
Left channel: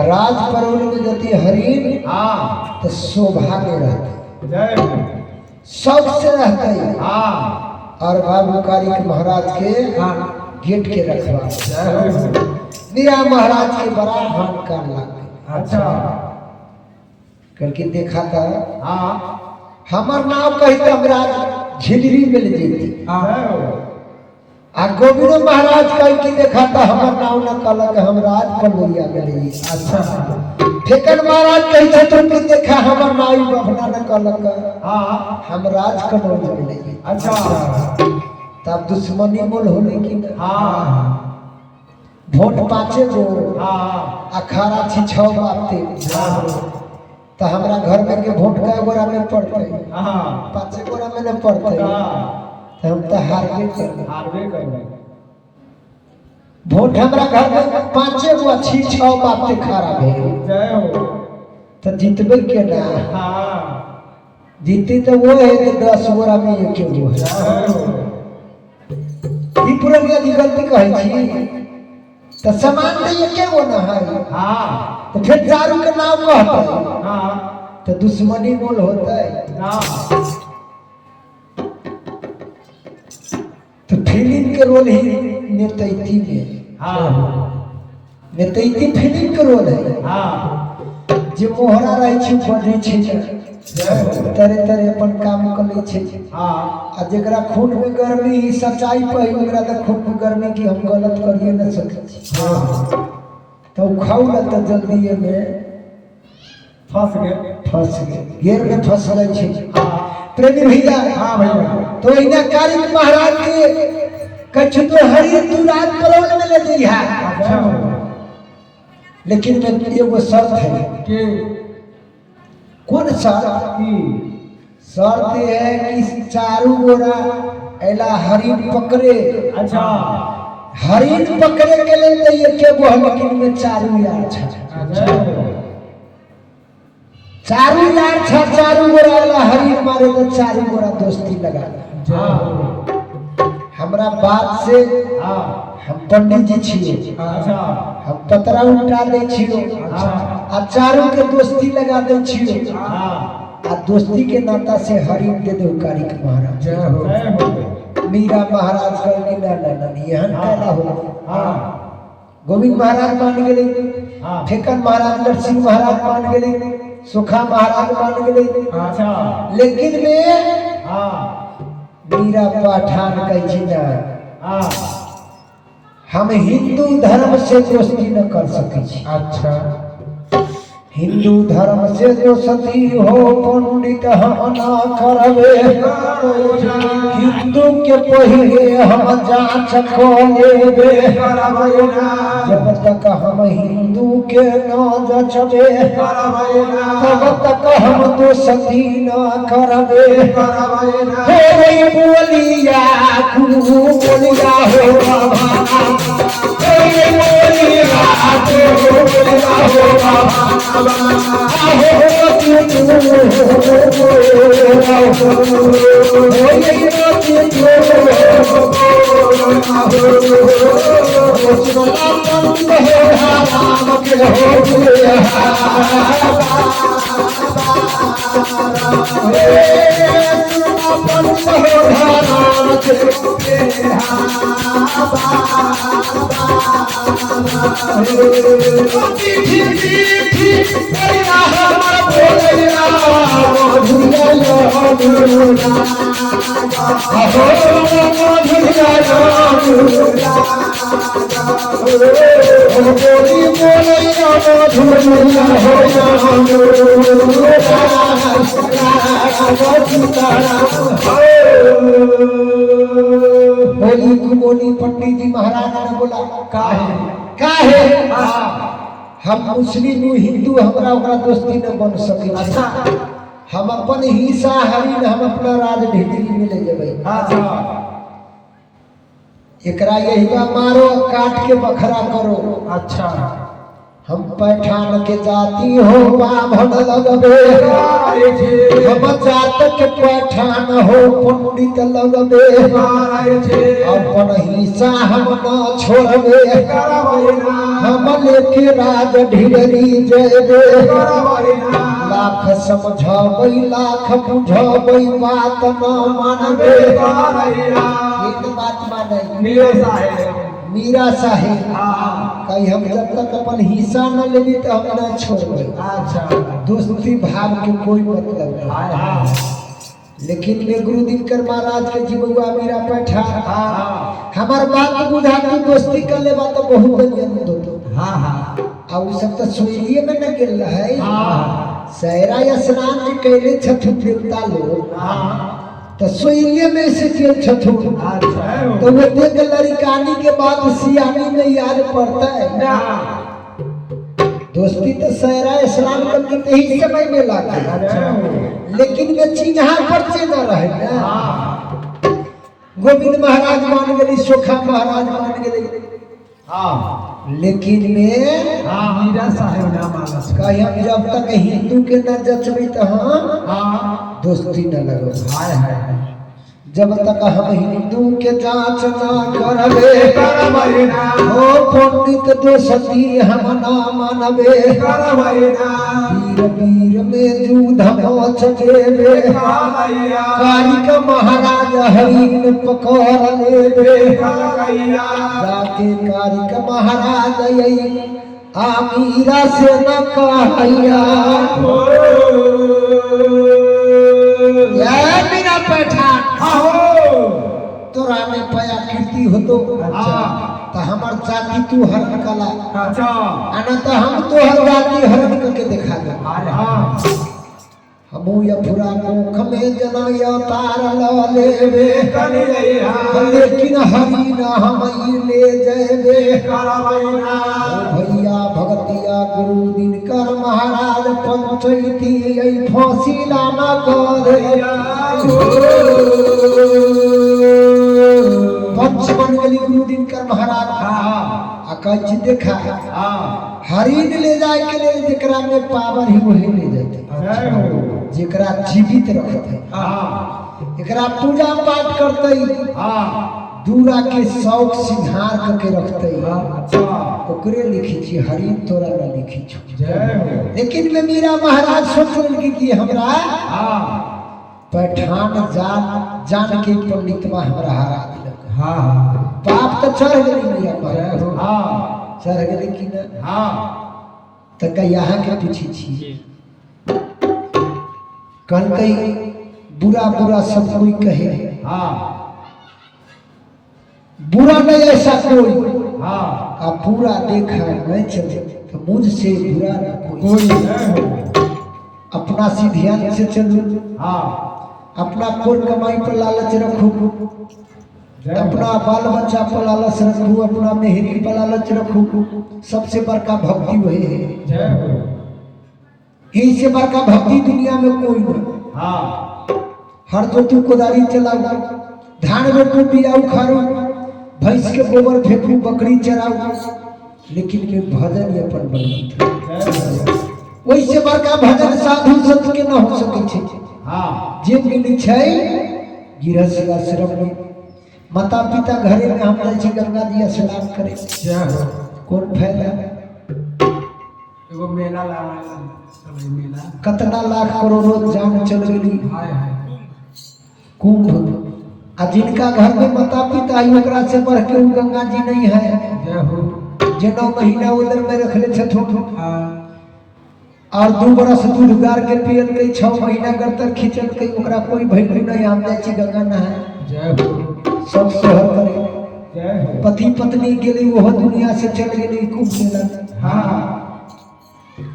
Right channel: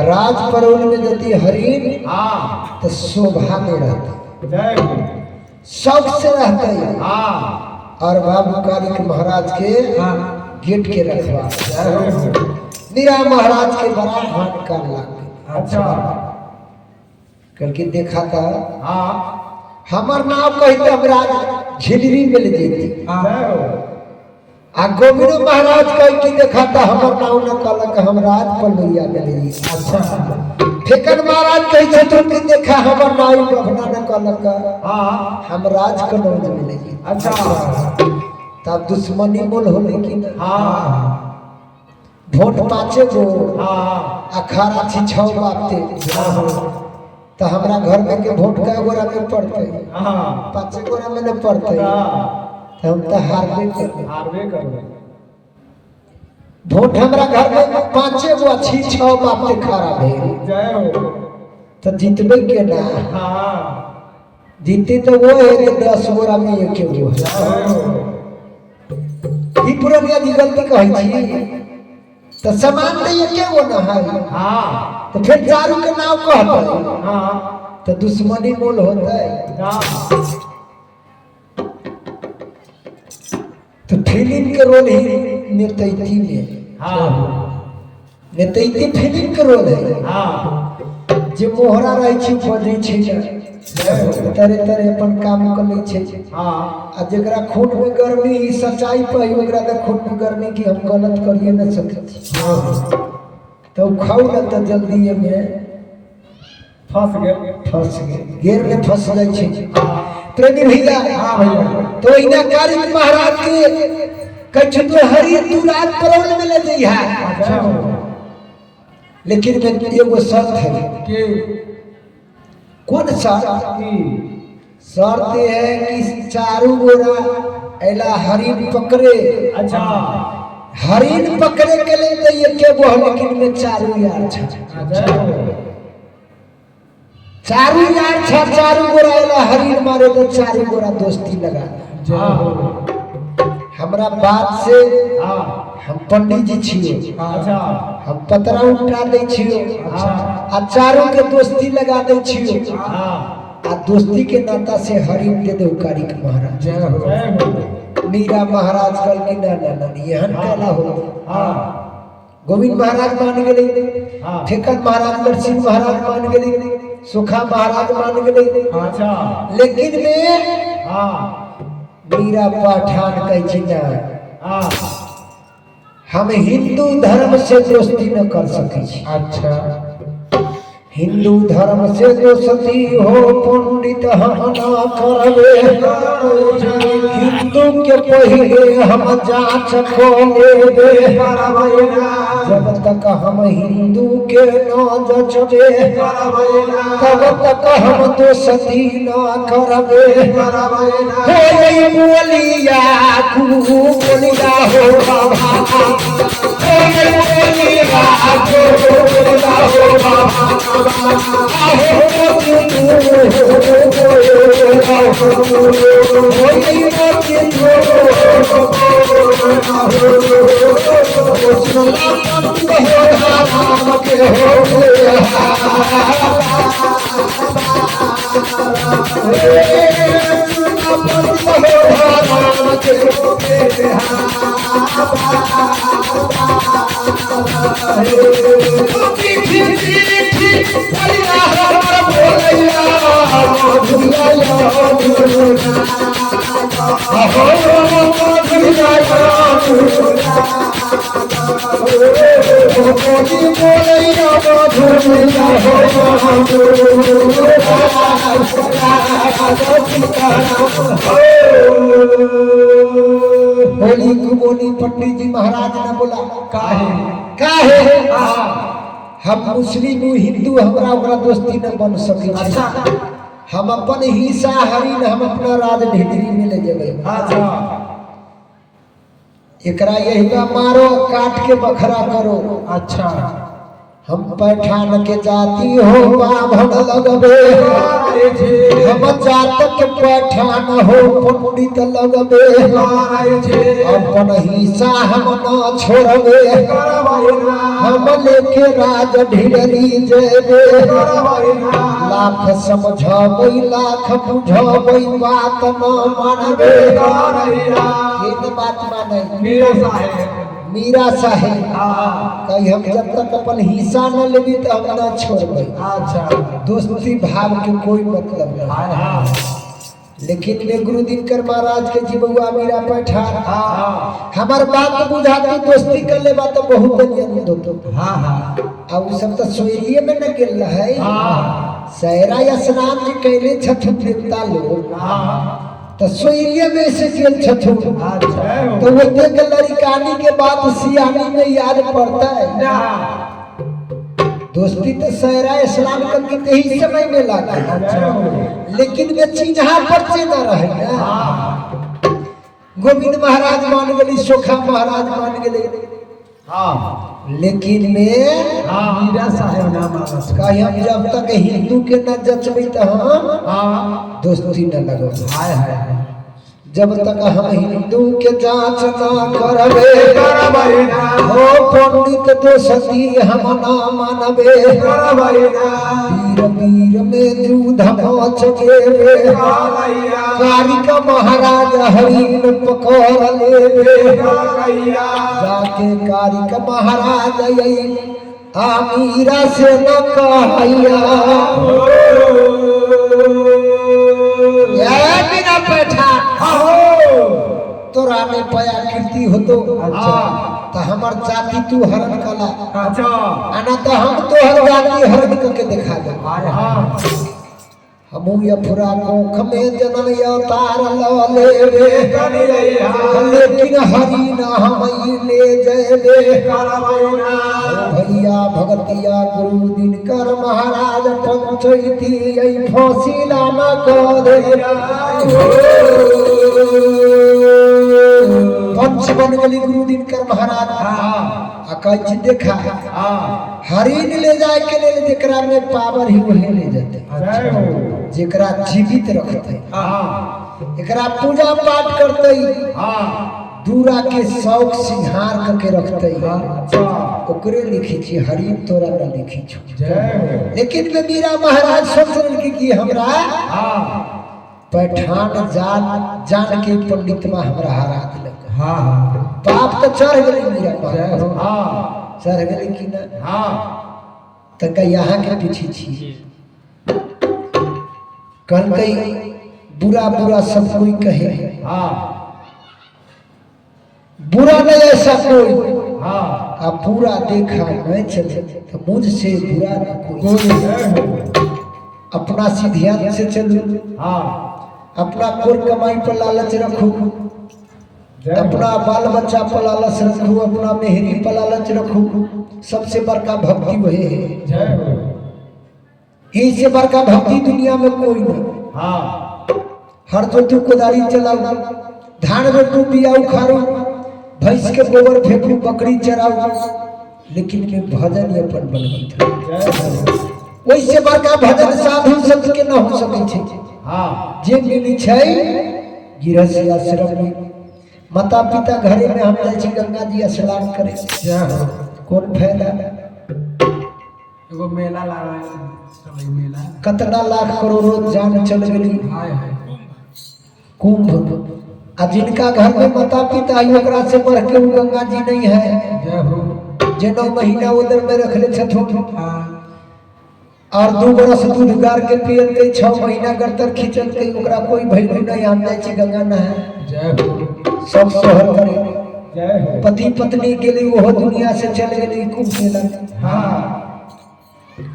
राज परोल में जति हरिन हाँ तो शोभा में रहते जय हो शौक से रहते हाँ और बाबू कालिक महाराज के गेट के रखवा जय हो मीरा महाराज के बड़ा भान कर लग अच्छा करके देखा था हाँ हमार नाम कहते हमरा झिलरी मिल जेती जय हो आ गोविंद महाराज कह के देखा था हमार नाम न कहलक हम राज पलैया मिली अच्छा फेकन महाराज कह छथुन के देखा हमार नाम बभना न कहलक हाँ हम राज कनौज मिली अच्छा तब दुश्मनी मोल हो लेकिन हाँ वोट पाचे गो हाँ अखाड़ा छी 6 बापते तो हमरा घर में के वोट का गोरा में पड़ते हाँ 5 गोरा में न पड़ते तो हम तो हारबे कर हारबे कर वोट हमरा घर में 5 गो अच्छी 6 बापते खड़ा भेल जय हो तो जीतबे के ना हाँ जीते तो वो है कि 10 गोरा में एक गो जय हो ई पुरानी आदि गलती कहै छी तो समान नहीं एक गो ना है हाँ तो फिर दारू के नाम कहते हाँ तो दुश्मनी मोल होता है हाँ तो फिल्म के रोल ही नेतैती में हाँ नेतैती फिल्म के रोल है हाँ जे मोहरा रहे छी बजै छै तरह तरह अपन काम कर ले छै हाँ आ जेकरा खून में गर्मी सच्चाई पे ओकरा तो खून में गर्मी की हम गलत करिए न सकै छी तो खाऊ न तो जल्दी में फंस गए घेर में फंस गए छै हाँ प्रेमी भैया हाँ भैया तो इना कारिक महाराज के कछ तो हरि तू रात परोल में ले जइहा जय हो लेकिन में एगो शर्त है कि कौन शर्त की शर्त है कि चारू गोरा ऐला हरिन पकड़े अच्छा हरिन पकड़े के लिए तो ये के वो लेकिन में चारू यार चारू यार चारू गोरा हरिन मारे तो चारू गोरा दोस्ती लगा। हमरा बात से हम पंडित जी छिए हम पतरा उठा दे छिए आ चारों के दोस्ती लगा दे छिए आ दोस्ती के नाता से हरिन दे दे कारिक महाराज मीरा महाराज कल ना यहन कहला हो गोविंद महाराज मान गए फेकन महाराज नरसिंह महाराज मान गए सुखा महाराज मान गए लेकिन में मीरा पठान कह हम हिंदू धर्म से दोस्ती न कर सके। अच्छा हिंदू धर्म से दोस्ती हो पंडित हम ना करबे हिंदू के पहिले हम जांच को लेबे जब तक हम हिंदू के न जचबे तब तक हम दोस्ती न करबे होई बोलिया बोलिया हो बोलिया बोली पंडित जी महाराज ने बोला काहे हम मुस्लिम हिंदू हमरा ओकरा दोस्ती न बन सके हम अपन हिस्सा हरिन हम अपना राज ढिडरी में ले जेबे एकरा यही बा मारो काट के बखरा करो। अच्छा हम पैठान के जाति हो बाभन लगबे हम जात के पैठान हो पंडित लगबे अपन हिस्सा हम न छोड़बे हम लेके राज ढिडरी जेबे लाख समझबै लाख बुझबै बात न मानबे एक बात माने मीरा साहेब कहीं हम जब तक अपन हिस्सा न लेबी तो हम न छोड़बे। अच्छा दोस्ती भाव के कोई मतलब नहीं लेकिन में गुरु दिनकर महाराज के जीवुआ मीरा पैठा हमार बात बुझा के दोस्ती कर ले बात बहुत नियम दो आ उ सब तो सोइरिए में न गेल है सहरा स्नान जी कैले छठ देवता लोग तो सोइरिए में से जेल छठू तो वो देख लड़कानी के बाद सियानी में याद पड़ता है दोस्ती तो सहरा स्नान करके तो ही समय में लगा लेकिन वे चिन्हा पर से न रहे ना गोविंद महाराज मान गए सोखा महाराज मान गए लेकिन में मीरा साहेब ना मानस कहीं हम जब तक हिंदू के न जचबी तो हम दोस्ती न लगो जब तक हम हिंदू के जांच ना करबे हो पंडित दोस्ती हम ना मानबे वीर वीर में दूध मोच जेबे कारिक महाराज हरिन पकड़ लेबे जाके कारिक महाराज आ मीरा से न कहैया बिना पैठान तोरा में पया कीर्ति हो तो तो हमार जाति तू हरण कला आना तो हम तो हर जाति हरण करके दिखा दे हमू या फुरा कोख में जन्म या तार ल लेबे लेकिन हरि ना हम ले जेबे भैया भगतिया गुरु दिनकर महाराज पंचैती यही फौसिला न करे पंच बन गली गुरु दिनकर महाराज कहीं देखा हाँ हरिन ले जाए के लिए जेकरा में पावर ही वही ले जाते जय हो जेकरा जीवित रखते हाँ एकरा पूजा पाठ करते हाँ दूरा के शौक सिंहार करके रखते अच्छा ओकरे लिखी छी हरिन तोरा न लिखी छ जय हो लेकिन में मीरा महाराज सोच रहे कि हमरा हाँ पैठान जान के पंडितवा हमरा हरा दिलक हाँ पाप तो चढ़ गई मीरा जय महाराज हो हाँ चढ़ गई कि ना हाँ तक यहाँ के पीछे छी कल कई बुरा बुरा सब कोई कहे हाँ बुरा नहीं ऐसा कोई हाँ आप पूरा देखा नहीं चले तो मुझसे बुरा न कोई कोई जय हो अपना सी ध्यान से चलो हाँ अपना कुल कमाई पर लालच रखो जय हो अपना बाल बच्चा पर लालच रखो अपना मेहरी पर लालच रखो सबसे बड़का भक्ति वही है जय हो इससे बड़का भक्ति दुनिया में कोई नहीं हाँ हर जोतू कोदारी चलाओ धान रोटू बिया उखाड़ो भैंस के गोबर फेंकू बकरी चराओ लेकिन में भजन अपन बन जय हो वैसे बड़का भजन साधु संत के न हो सके छे हाँ जे मिली छै गृहस्थ आश्रम में माता पिता घरे में हम जाय छी गंगा जी स्नान करे जय हो कौन फायदा एगो मेला लागे सब मेला कितना लाख करोड़ों जान चल गेली हाय हाय कुंभ आ जिनका घर में माता पिता है ओकरा से बढ़ के वो गंगा जी नहीं है जय हो जे 9 महीना उधर में रखले छथुन हाँ और 2 बरस दूध गार के पियल के 6 महीना गर्दन खींचल के ओकरा कोई भैलू नहीं हम जाय छी गंगा नहाए जय हो सब सोहर करे जय हो पति पत्नी गेली वो दुनिया से चल गेली कुंभ मेला हाँ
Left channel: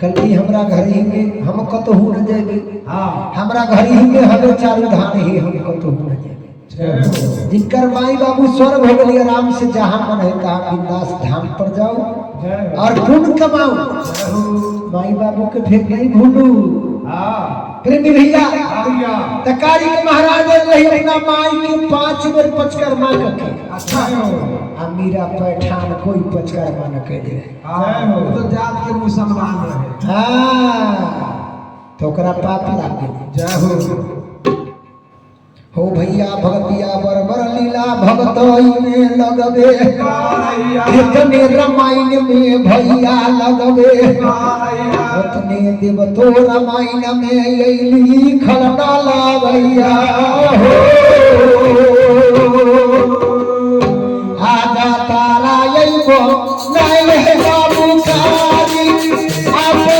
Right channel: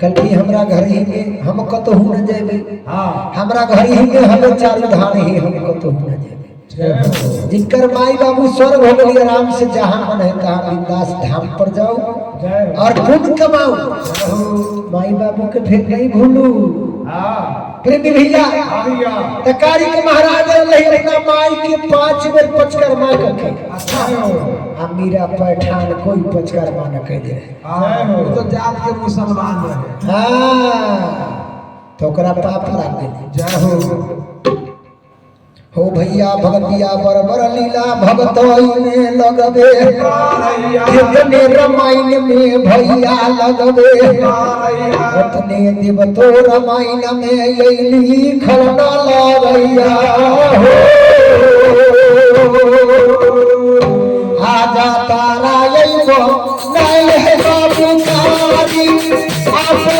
कल की हमरा घर ही में हम कतहु न जेबे हाँ हमरा घर ही में हमें चारू धाम ही हम कतहु न जेबे जय हो जिनकर माई बाबू स्वर्ग हो गई आराम से जहाँ मन है तहाँ बिंदास धाम पर जाओ जय हो और पुण्य कमाओ जय हो माई बाबू के फिर नहीं भूलू हाँ प्रेमी भैया भैया तकारी के महाराज रही अपना माई के 5 बेर पचकर्मा करके अच्छा हो आ मीरा पैठान कोई पचकर्मा न कह दे जय हो तो जात के मुसलमान रहे हाँ तो ओकरा पाप लाग गेल जय हो हो भैया भगतिया बरबर लीला भगतई में लगबे इतने रामायण में भैया लगबे उतने देव तो रामायण में अली खलना भैया आजा तारा अइबो नहीं है बाबू कारी आपो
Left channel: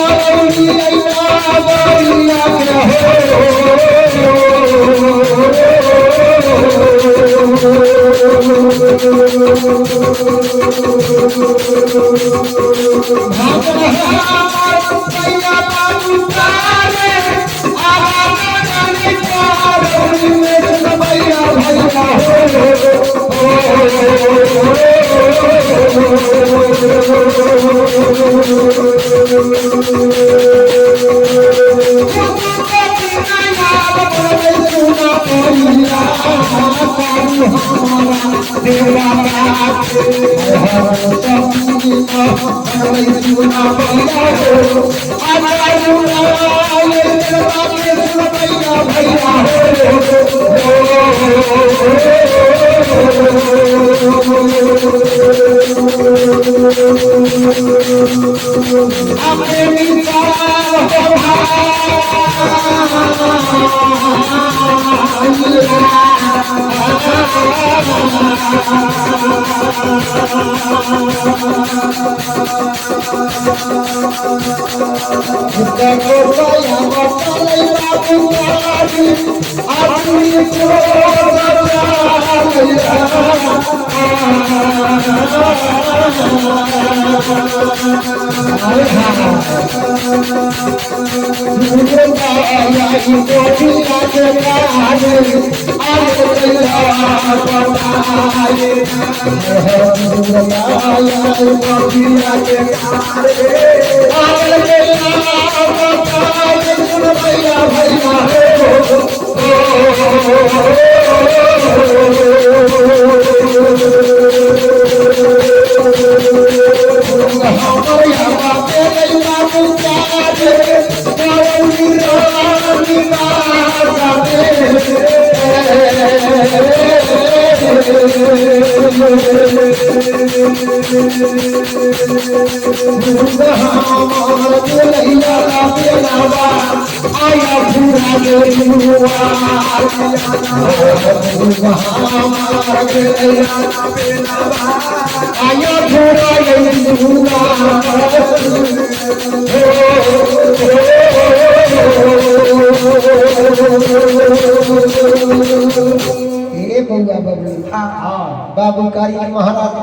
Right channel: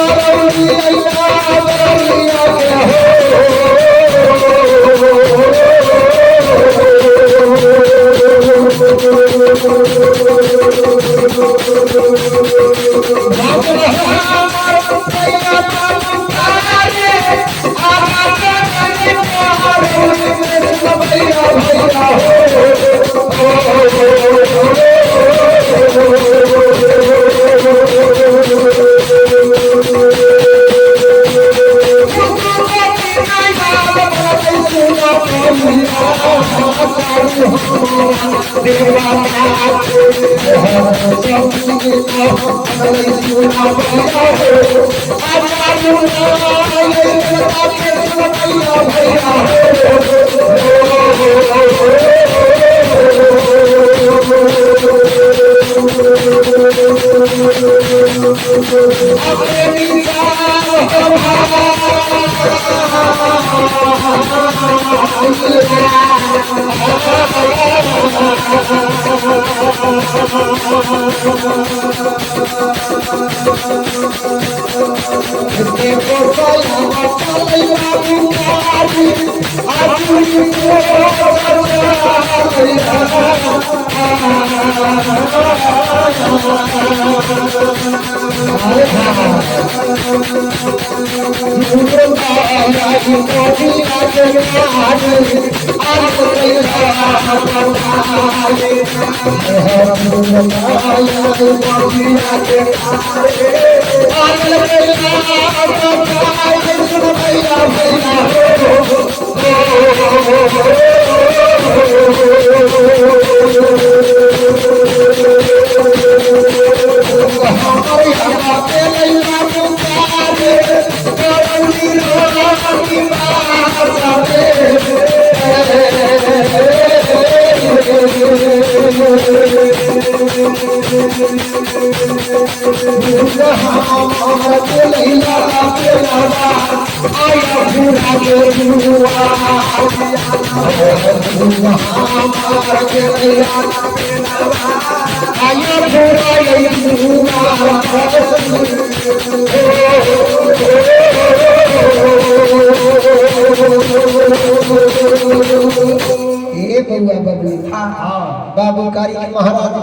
बाबू कारिक महाराज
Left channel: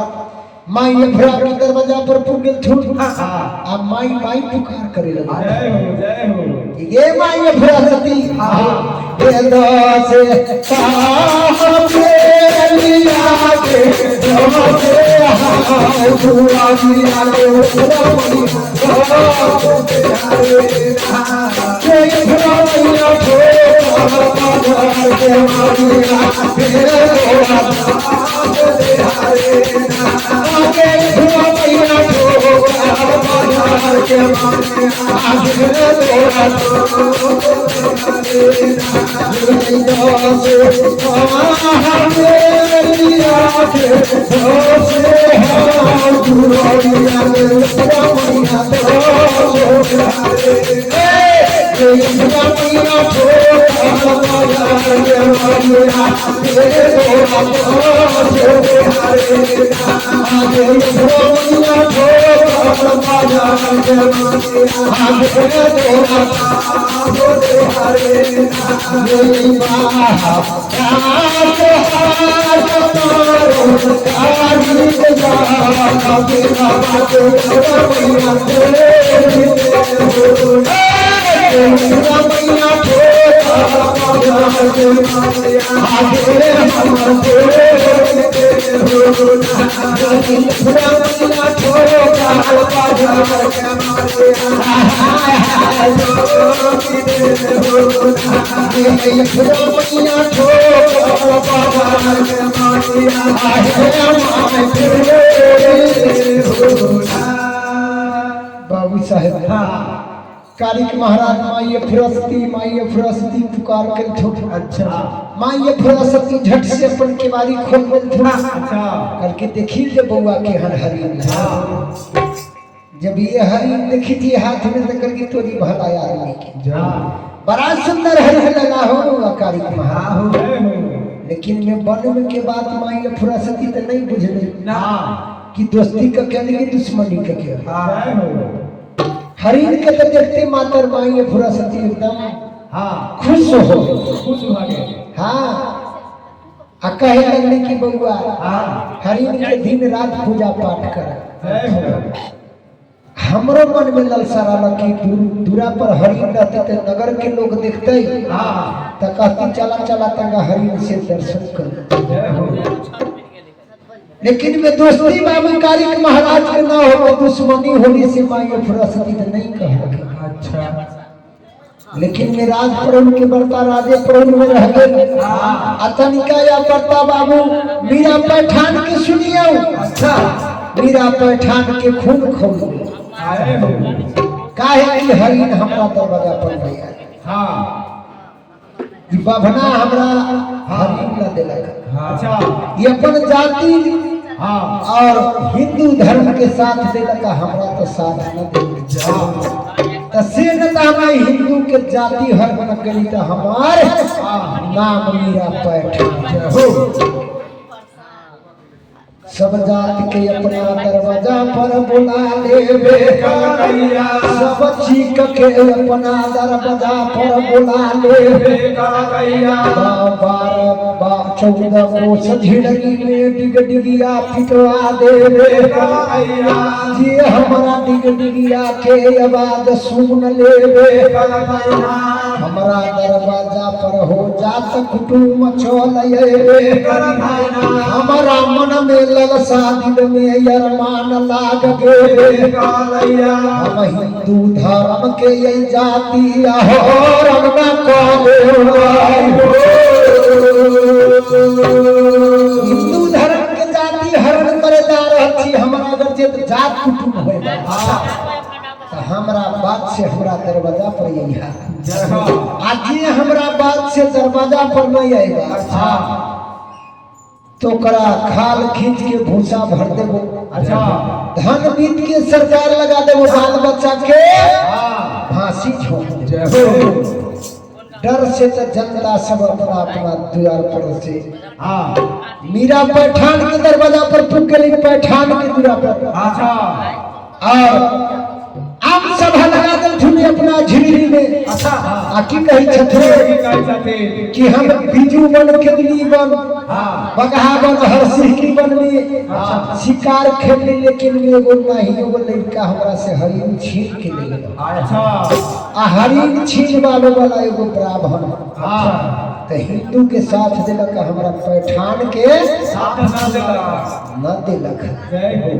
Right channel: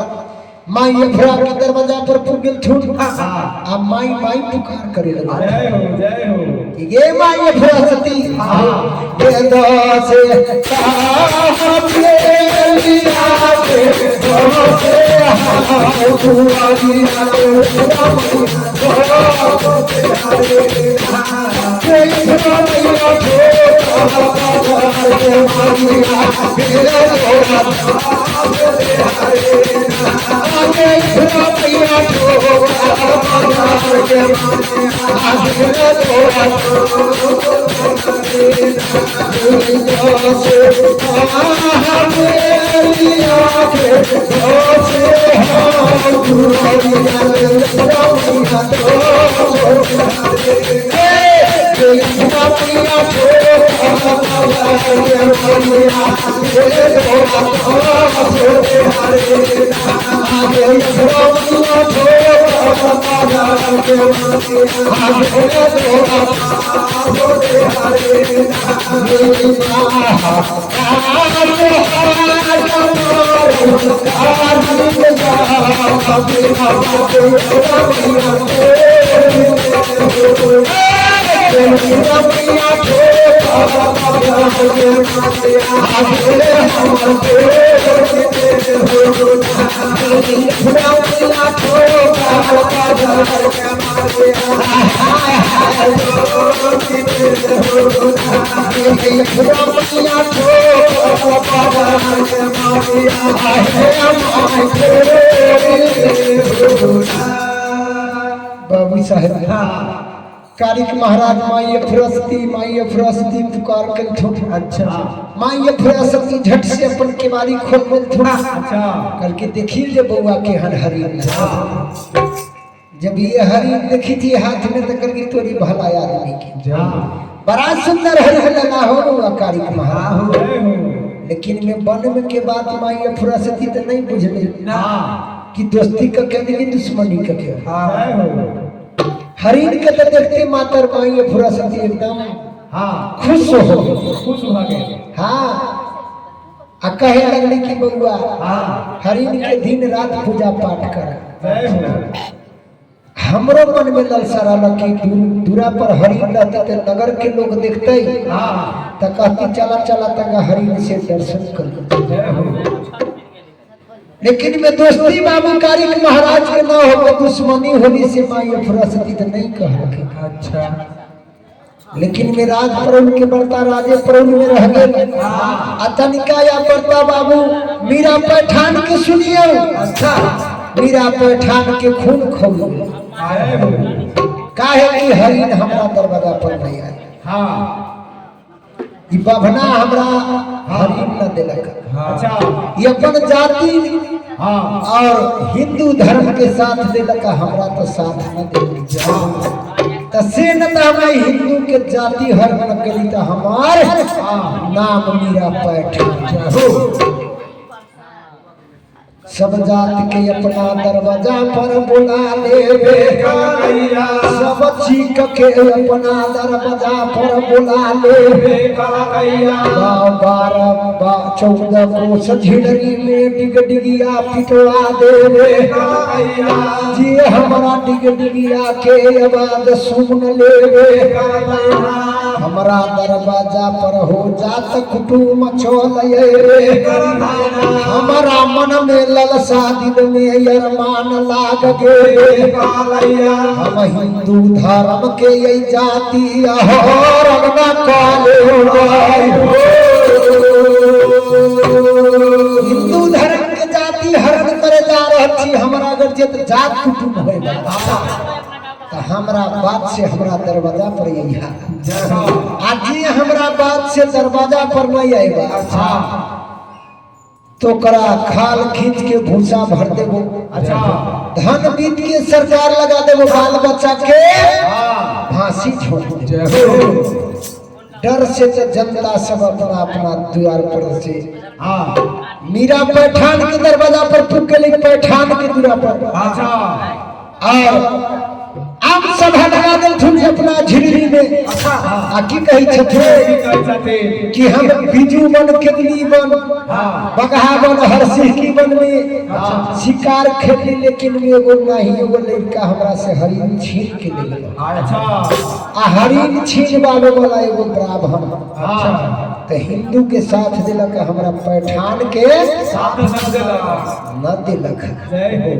माई अफरा के दरवाजा पर पुगे थूट आ माई माई पुकार करे लगा। जय हो ये माई अफरा सती ये दास काहे अलिया के भरोसे हां दुआ दी आलो बाबू साहेब कारिक महाराज माई अफरस्ती पुकार कर छोट अच्छा माई अफरस्ती झट से अपन केवारी खोल में थोड़ा अच्छा करके देखी जे बउआ के हर हरिन जब ये हरिन देखी थी हाथ में तो करके तोरी भला आदमी की बड़ा सुंदर हरिन लगा हो कारिक महाराज जय हो लेकिन मैं वन में के बात माई अफरस्ती तो नहीं बुझली ना कि दोस्ती का क्या नहीं दुश्मनी का क्या जय हो हरिन के तो देखते मातर माई अफरस्ती एकदम हाँ खुश हो खुश हो गए हाँ आ कहे लगली कि बउआ हाँ हरिन के दिन रात पूजा पाठ कर जय हो हमरो मन में ललसा कि दूरा पर हरिन रहते तो नगर के लोग देखते हाँ तो कहती चला चला तंगा हरिन से दर्शन कर जय हो लेकिन मैं दोस्ती बाबू कारिक महाराज के न हो दुश्मनी होली से माई अफरस्ती तो नहीं कह अच्छा लेकिन मैं राज प्रभु के बर्ता राजे प्रभु में रह गए अतनिका या बर्ता बाबू मीरा पैठान के सुनियो अच्छा मीरा पैठान के खून खोलो आए हो काहे कि हरिन हमरा दरवाजा पर नहीं आए हाँ ई बाभना हमरा हरिन न देलक अच्छा ये अपन जाति हाँ और हिंदू धर्म के साथ देलक हमरा तो साथ न देलक तो से न तो हमें हिंदू के जाति हर न करी तो हमार नाम मीरा पैठान हो सब जात के अपना दरवाजा पर बुला लेवे सब चीक के अपना दरवाजा पर बुला लेवे 14 कोस झिड़री में डिग डिगिया पिटवा देवे जी हमारा डिग डिगिया के आवाज सुन लेवे हमारा दरवाजा पर हो जात कुटुम चले हमारा मन में ललसा दिल में अरमान लाग गे हम हिंदू धर्म के ये जाति हरण न काले हिंदू धर्म के जाति हरण करे जा रही हमारा अगर जे जात कुटुम होए तो हमरा बात से हमरा दरवाजा पर यही आज हमरा बात से दरवाजा पर नहीं आएगा तो करा खाल खींच के भूसा भर देबो। अच्छा धन बीत के सरकार लगा देबो, बाल बच्चा के हाँ फांसी छोड़ दे। जय हो डर से तो जनता सब अपना अपना द्वार पर से हाँ मीरा पैठान के दरवाजा पर फूक के लेके पैठान के दूरा पर अच्छा और आम सभा लगा देलथुन अपना झिल्ली में। अच्छा आ की कही छथुन कह जाते कि हम बिजू बन केवली बन हाँ बगहा बन हरसिंह बन में हाँ। शिकार खेली, लेकिन एगो नहीं एगो लड़का हमरा से हरिन छीन के ले गया। अच्छा आ हरिन छीनवावे वाला एगो ब्राह्मण हाँ तो हिंदू के साथ दिलक, हमरा पैठान के साथ न देला न दिलक। जय हो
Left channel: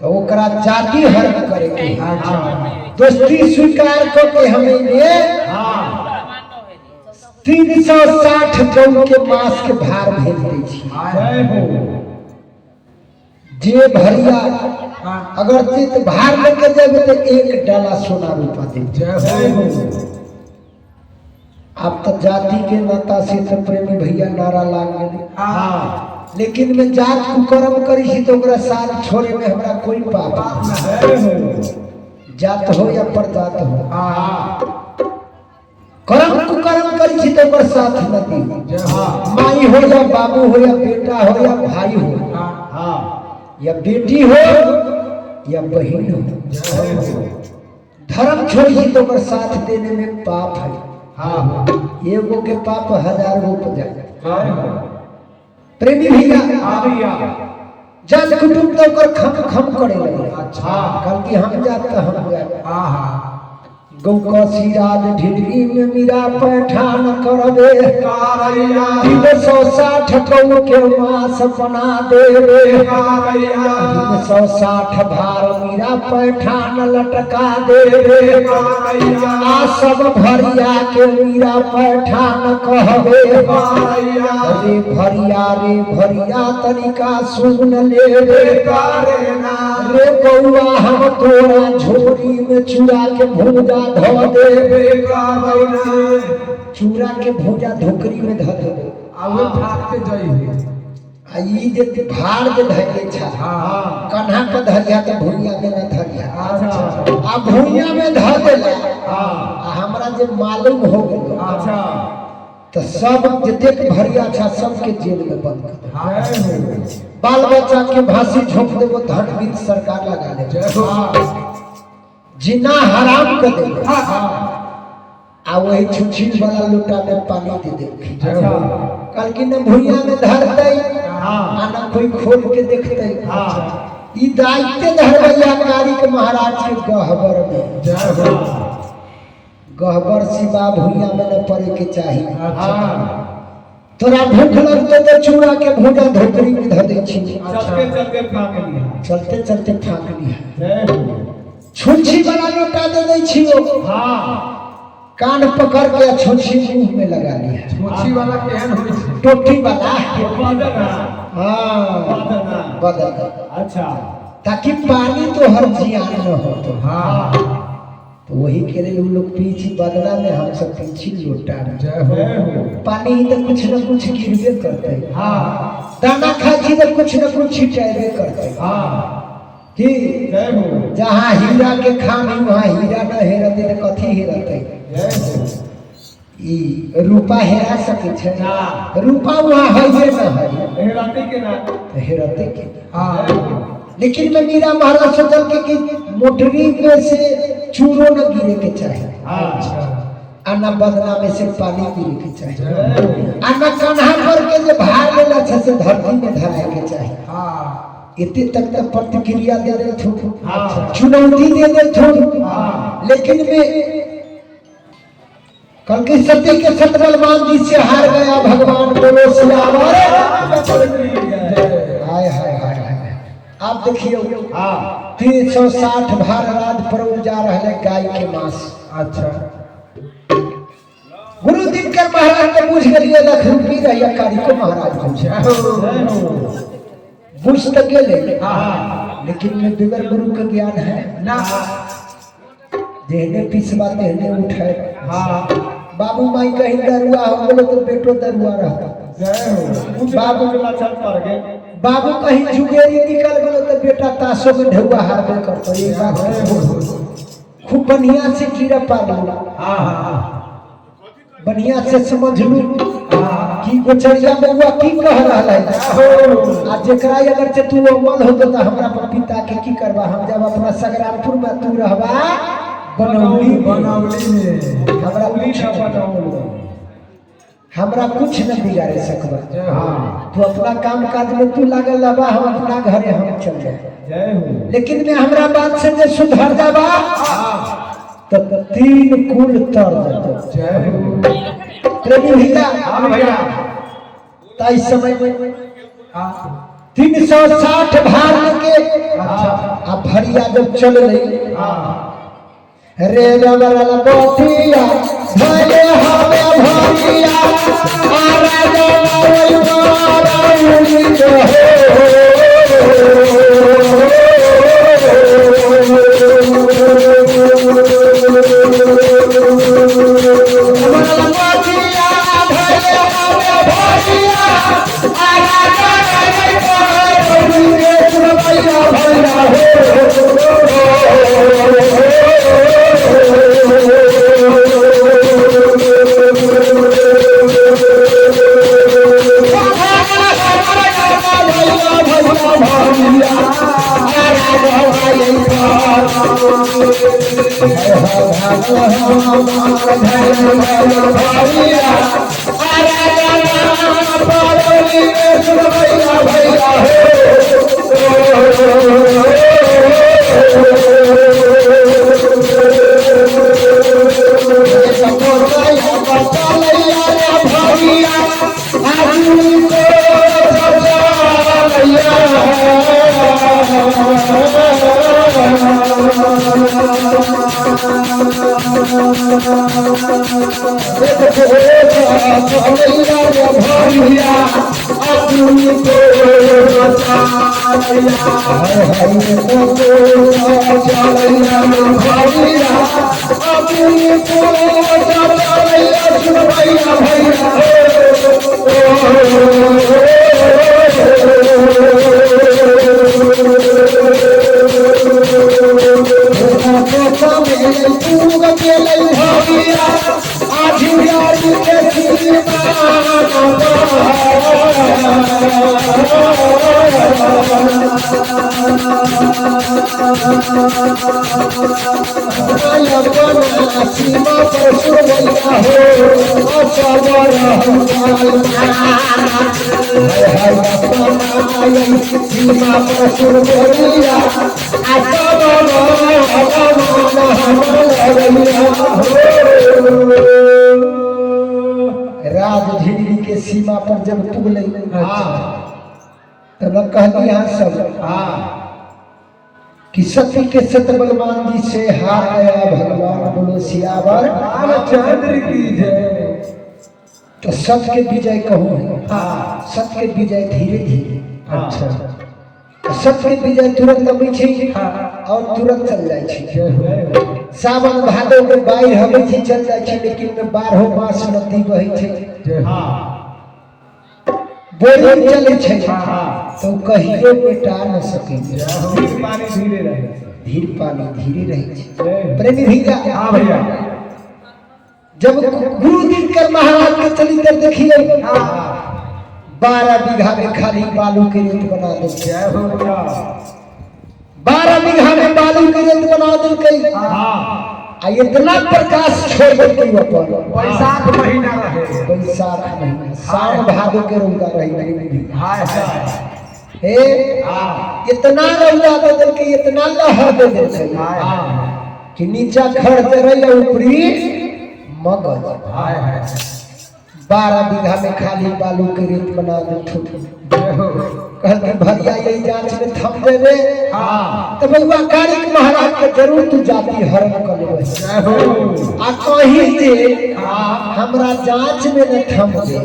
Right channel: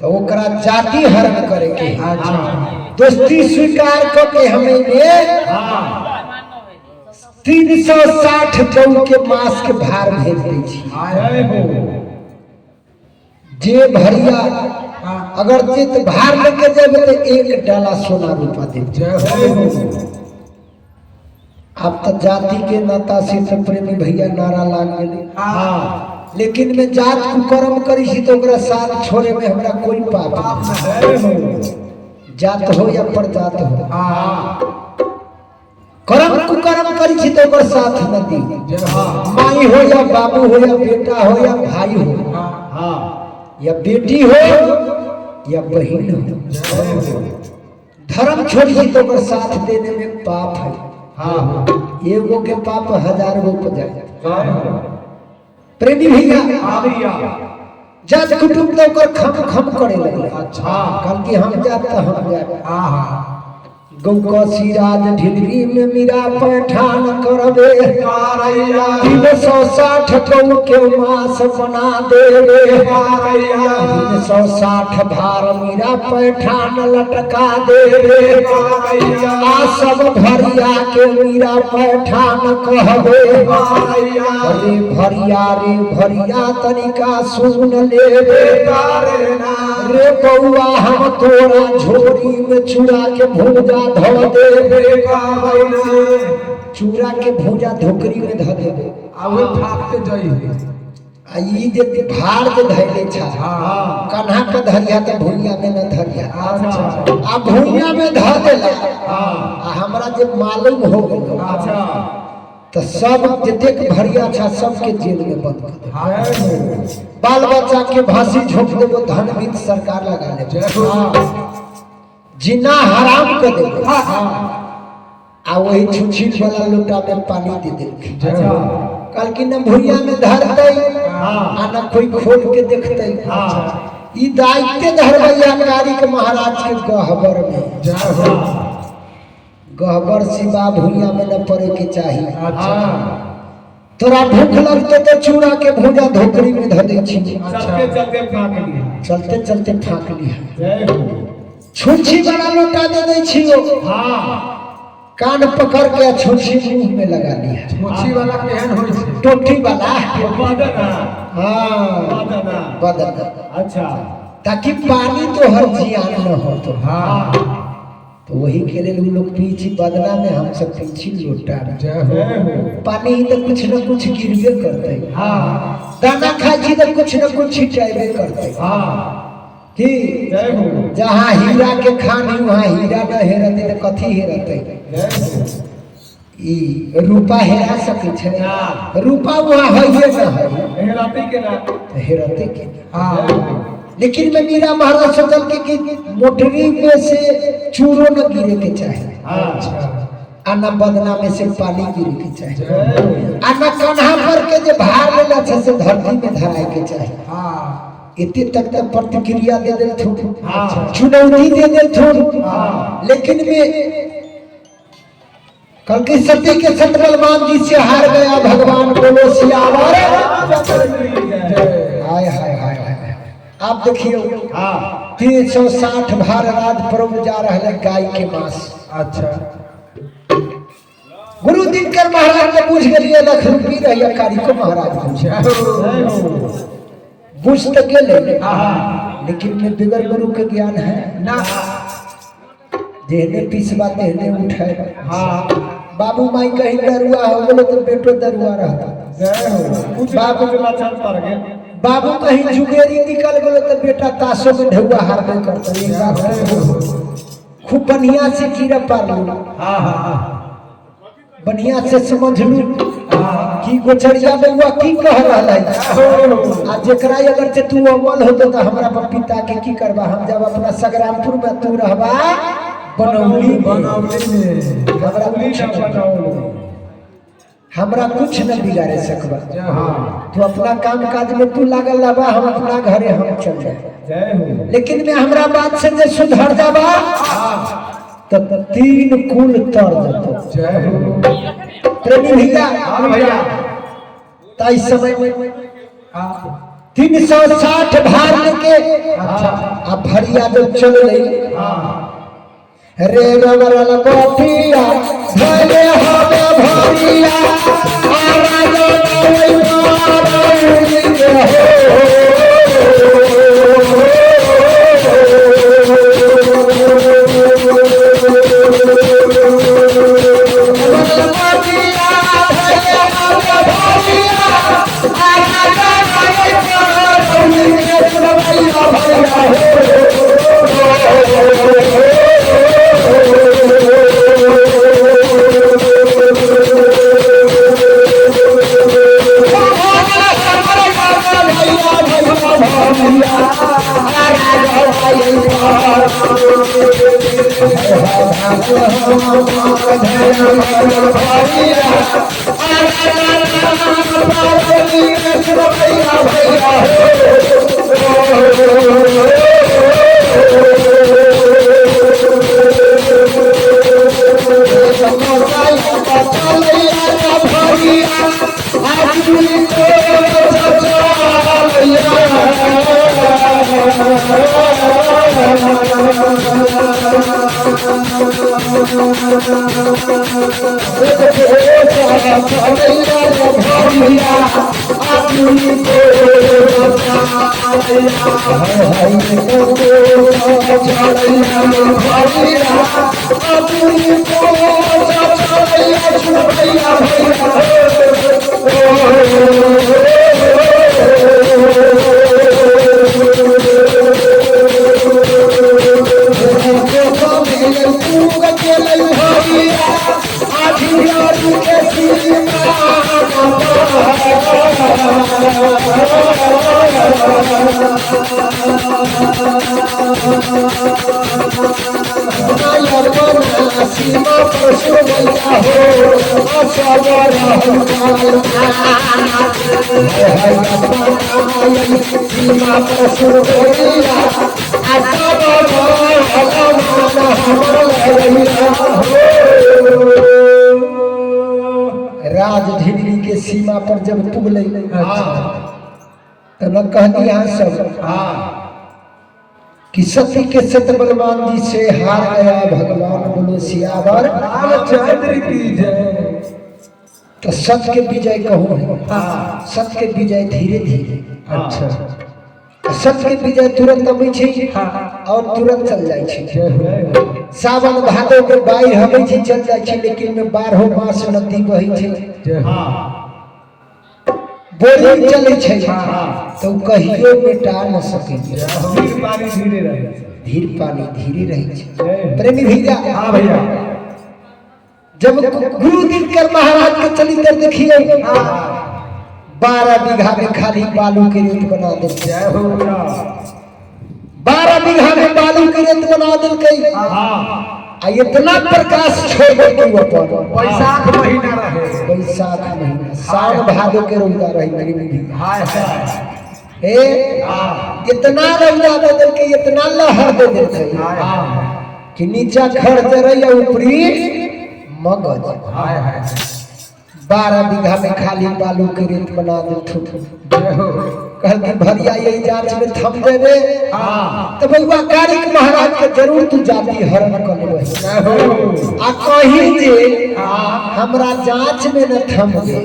तो ओकरा जाति हरण करे के अच्छा दोस्ती स्वीकार करके हमें ये हाँ 360 गौ के मांस के भार भेज दै छी। जय हो जे भरिया अगर चित भार लेके जेबे तो 1 डाला सोना रूपा दे। जय हो अब तो जाति के नाता से तो प्रेमी भैया नारा लाग गए, हाँ लेकिन मैं जात कुकर्म करी छी तो ओकरा साथ छोड़े में हमरा कोई पाप नहीं। जय हो जात हो या प्रजात हो, हाँ कर्म कुकर्म करी छी तो ओकर साथ न दी। जय हाँ माई हो या बाबू हो या बेटा हो या भाई हो हाँ या बेटी हो या बहन हो, जय हो धर्म छोड़ी तो ओकर साथ देने में पाप है। हाँ एगो के पाप 1000 गो को जाए। जय हो प्रेमी भैया हाँ भैया जात कुटुंब तो ओकर खम खम करे लगे। अच्छा कल की हम जात तो हम जात हाँ हाँ गौ का सिराज ढिलरी में मीरा पैठान करबे 360 गौ के मांस बना देवे। 360 भार मीरा पैठान लटका देवे। आ सब भरिया के मीरा पैठान कहबे। अरे भरिया तनिका सुन लेवे। रे बउआ हम तोरा झोरी में चूड़ा के भूजा धो देवे। चूड़ा के भूजा धोकरी में धो देवे। आवे फाटते जाइए आ ई जे भार जे धैले छा हाँ कन्हा के धरिया के भुइया में न धरिया। अच्छा आ भुइया में धो देला हाँ आ हमरा जे मालूम हो गेल अच्छा तो सब जतेक भरिया छा सबके जेल में बंद कर दे। हाँ बाल बच्चा के फांसी झोंक देबो, धन बीत सरकार लगा ले। जय हो जिना हराम कर दे। हाँ आ वही छुछी वाला लोटा में पानी दे दे। अच्छा कल की न भुइया में धरते हाँ आ न कोई खोल के देखते। हाँ ई दायित्व धरबैया कारिक महाराज के गहबर में। जय हो गहबर सिवा भुइया में न पड़े के चाहिए। अच्छा तोरा भूख लगते तो चूड़ा के भूजा धोकरी में धो दे छी। चलते चलते फाक लिया चलते चलते फाँक लिया। जय हो छुछी वाला लोटा दे दे छियो। हाँ कान पकड़ के छुछी मुंह में लगा लिया। मोची वाला केहन होई छे टोटी वाला बदना हाँ बदना बदल, अच्छा ताकि पानी तो हर जियान न हो। तो हाँ तो वही के लिए लोग पीछी बदला में हम सब पीछी लोटा में। जय हो पानी तो कुछ न कुछ गिरबे करते। हाँ दाना खाई छी तो कुछ न कुछ छिटाइबे करते। हाँ कि जय हो जहाँ हीरा के खानी वहाँ हीरा न हेरते तो कथी हेरते। जय हो ई रूपा हेरा सके छे, ना। रूपा वहाँ हइए न हई हेराती के ना तो हेरते के। हाँ लेकिन मैं मीरा महाराज सोचल कि मोटरी पे से चूरो न गिरे के चाहे, अच्छा आ न बदना में से पानी गिरे के चाहे, जय आ न कन्हा पर के जे भार लेला छे से धरती में धराए के चाहे। हाँ इतने तक तक प्रतिक्रिया दे दे थो, हाँ। चुनौती दे दे थो। हाँ लेकिन मैं कल के सत्य के सत बलवान जी से हार गया भगवान बोलो सियावर। हाय हाय हाय हाय। आप देखिए हाँ 360 भार राज पर्व जा रहा है गाय के मांस। अच्छा गुरु दिनकर महाराज ने पूछ गए लख रूपी रहिया कारिको महाराज पूछे बुझ तक गेले। हाँ लेकिन में बिगर गुरु के ज्ञान है ना देहने पिसवा देहने उठाए। हाँ बाबू माई कहीं दरुआ हो गए तो बेटो दरुआ रहता। कुछ बाबू के लक्षण पर गए बाबू कहीं जुगेरी निकल गए तो बेटा ताशो में ढुआ हारबे करते खूब बढ़िया से कीड़ा पालो हाँ हाँ बढ़िया से समझ लू कि गोचरिया में हुआ की कह रहा है आ जेकरा अगर से तू अमल होतो तो हमरा पर पिता के की करबा हम जब अपना संग्रामपुर में तू रहबा बनौली में हमरा कुछ न बिगाड़े सकबा तू अपना काम काज में तू लागल रहबा हम अपना घरे हम चल जाए लेकिन मैं हमरा बात से जे सुधर जाबा तो 3 कुल तर जातो प्रेमी भैया ताई समय में 360 भार लेके अब भरिया जब चल रही रे गवरल कोठिया भले हवे भरिया आरा जो कोई मारौली राजधीरी के सीमा पर जब पुगले तब कहती यहाँ सब कि सती के सत बलवान जी से हार गया भगवान बोलो सियावर तो सत के विजय कहूँ सत के विजय धीरे धीरे अच्छा सत के विजय तुरंत अबै छै और तुरंत चल जाय छै सावन भादो के बाढ़ि हबै छै चल जाय छै लेकिन में 12 मास नदी बहै छै बोरिंग चले छै तो कहियो मिटा न सकै धीर पानी धीरे रहे धीर पानी धीरे रहे छै प्रेमी भैया हाँ भैया जब गुरु दिनकर महाराज के चरित्र देखिए 12 बीघा में खाली बालू के रेत बना दे 12 बीघा में बालू के रेत बना दिल आ इतना प्रकाश छोड़ दे अपन बैसाख महीना रहे बैसाख महीना सावन भादो के रौदा रही नहीं हाय हे इतना रौदा दे दे के इतना लहर दे दे कि नीचा खड़ दे रही ऊपरी मगज हाय 12 बीघा में खाली बालू के रेत बना दे कहल कि भरिया यही जांच में थम देवे तो बउआ कारिक महाराज के जरूर तू जाति हरण कर लेबे आ कहीं दे हमरा जांच में न थम दे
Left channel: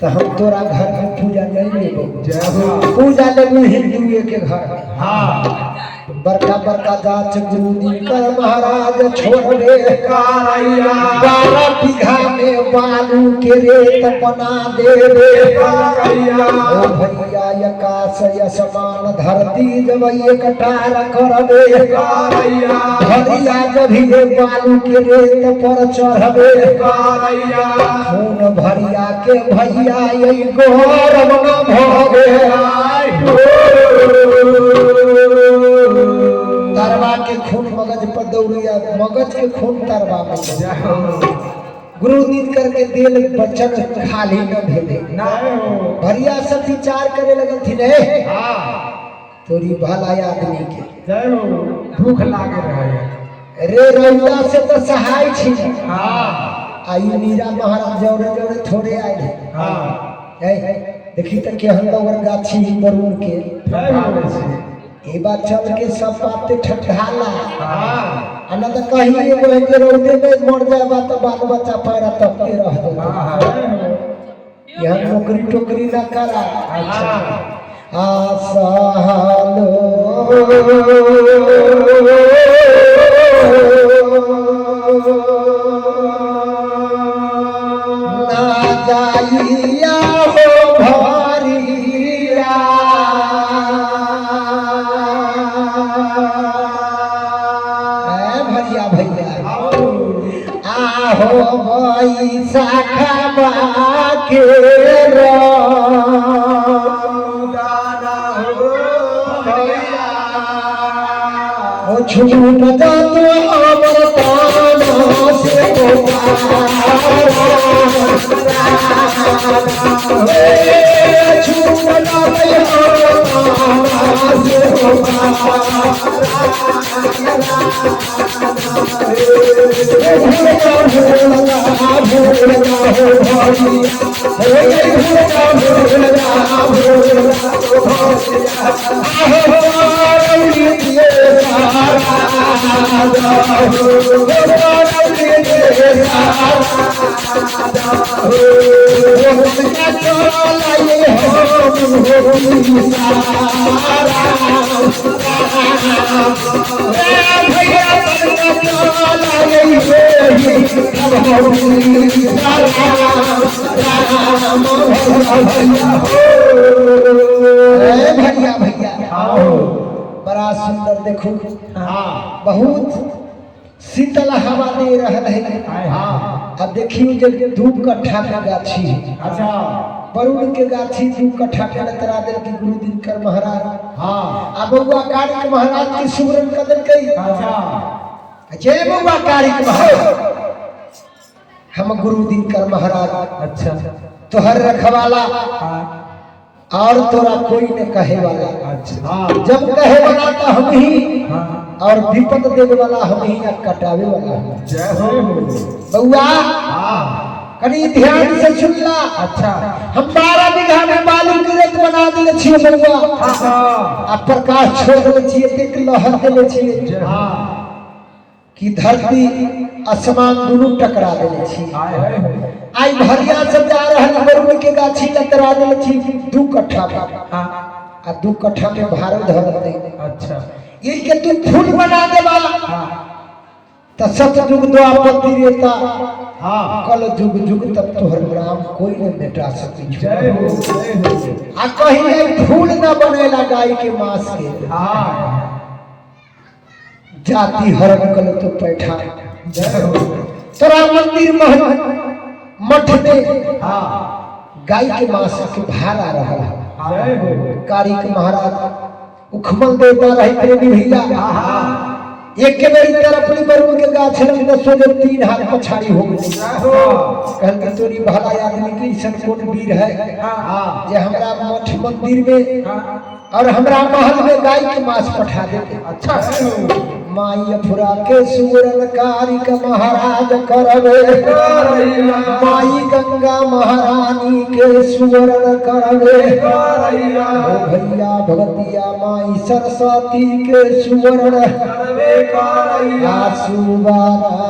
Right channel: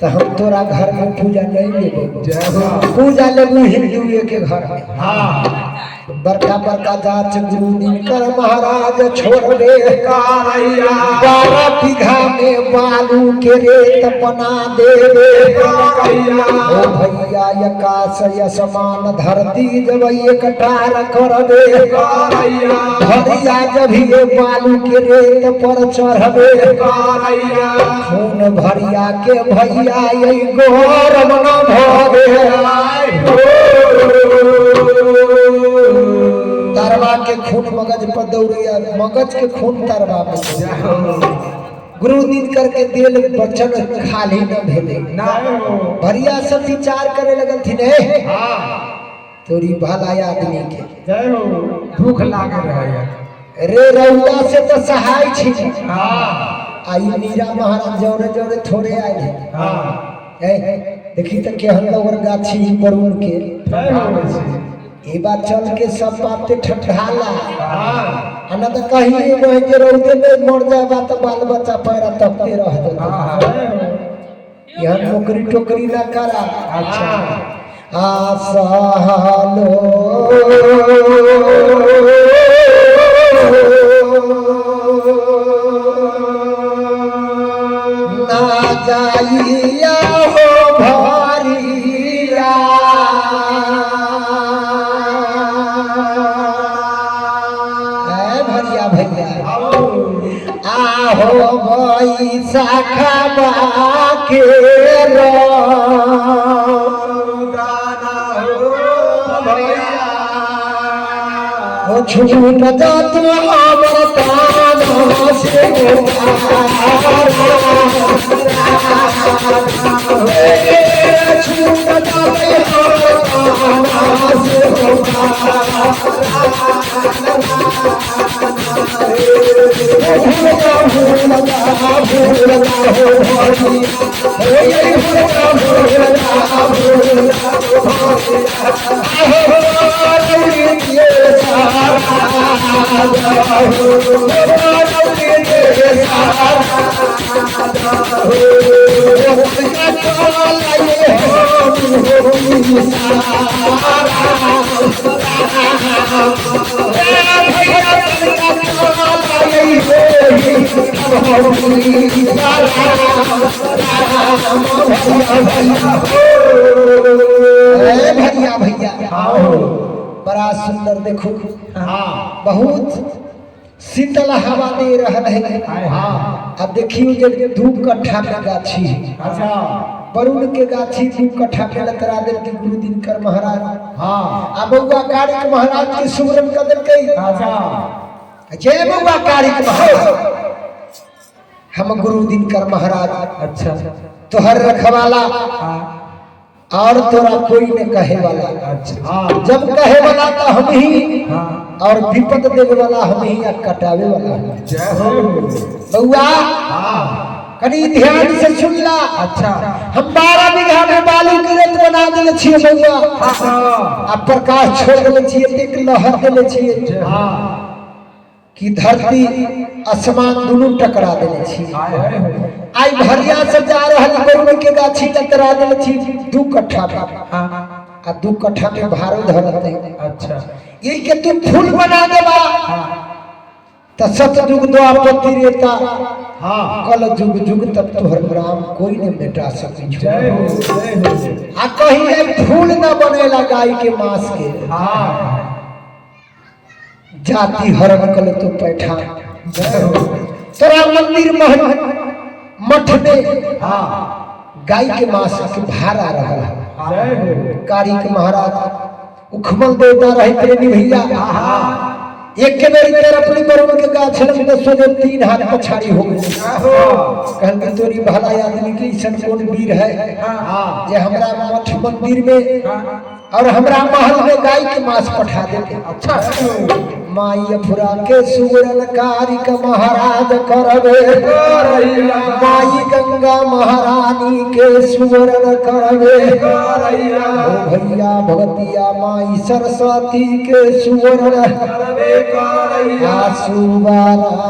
तो हम तोरा घर में पूजा नहीं लेबे पूजा लेबू हिंदू के घर बड़का बड़का जांच गुरु दिनकर महाराज छोड़बे 12 बीघा में बालू के रेत बना देवे ओ भैया आकाश असमान धरती जब एकटार करबे भैया जब ये बालू के रेत पर चढ़बे खून भरिया के भैया यही गौरव न भरे तरवा के खून मगज पर दौड़िया मगज के खून तरवा पे गुरु नीत करके दिल बचन खाली न भेले भरिया सब विचार करे लगल थी ने तोरी भला आदमी के भूख लागे रहे रे रउआ से तो सहाय छी आई मीरा महाराज जोरे जोरे थोड़े आए देखी तो के हम लोग गाछी बरूर के ये बात चल के सब बात ठठाला अना तो कहीं एगो जे रौदे में मर जाबा तो बाल बच्चा पैरा तपते रह दो यहाँ नौकरी टोकरी ना करा अच्छा आसालो ना जाइया हो भरिया भैया भैया आहो बैसा खाबा के छूट जात अमर तान से भैया भैया बड़ा सुंदर देखो बहुत शीतल हवा दे रहा है अब देखियो जब धूप कट्ठा में गाछी बरुण के गाछी धूप कट्ठा पे लतरा दिल की गुरु दिनकर महाराज अब बउआ कारिक महाराज के सुमरन कर दिल के जय बउआ कारिक महाराज हम गुरु दिनकर महाराज अच्छा तोहर रखवाला और तोरा कोई न कहे वाला अच्छा जब कहे वाला तो हम ही और विपद देवे वाला हम ही या कटावे वाला जय हो बउआ कनी ध्यान से सुन ला अच्छा हम 12 बीघा में बालू की रेत बना देले छिए बउआ आ प्रकाश छोड़ देले छिए एक लहर देले छिए कि धरती आसमान दोनों टकरा देले छिए आई भरिया से जा रहल बरुण के गाछी टकरा देले छिए 2 कट्ठा आ 2 कट्ठा में भारो धरते अच्छा ये के तू फूल बना देबा त सतयुग द्वापति रेता कल जुग जुग तक तोहर राम कोई न बेटा सकी जय हो आ कहीं है फूल न बनेला गाय के मांस के जाति हरण कल तो पैठा तोरा मंदिर महल मठ में गाय के मांस के भारा रहा कारिक महाराज उखमल देवता रहे प्रेमी भैया एक के मेरी तरफ अपनी बरुण के गाछ में सोचे 3 हाथ पछाड़ी हो गई कहन के तोरी भला आदमी की सन कोन वीर है जे हमरा मठ मंदिर में और हमरा महल में गाय के मांस पठा देते अच्छा माई अफुरा के सुरन कारिक महाराज करबे माई गंगा महारानी के सुरन करबे भैया भगतिया माई सरस्वती के सुरन करबे सुबारा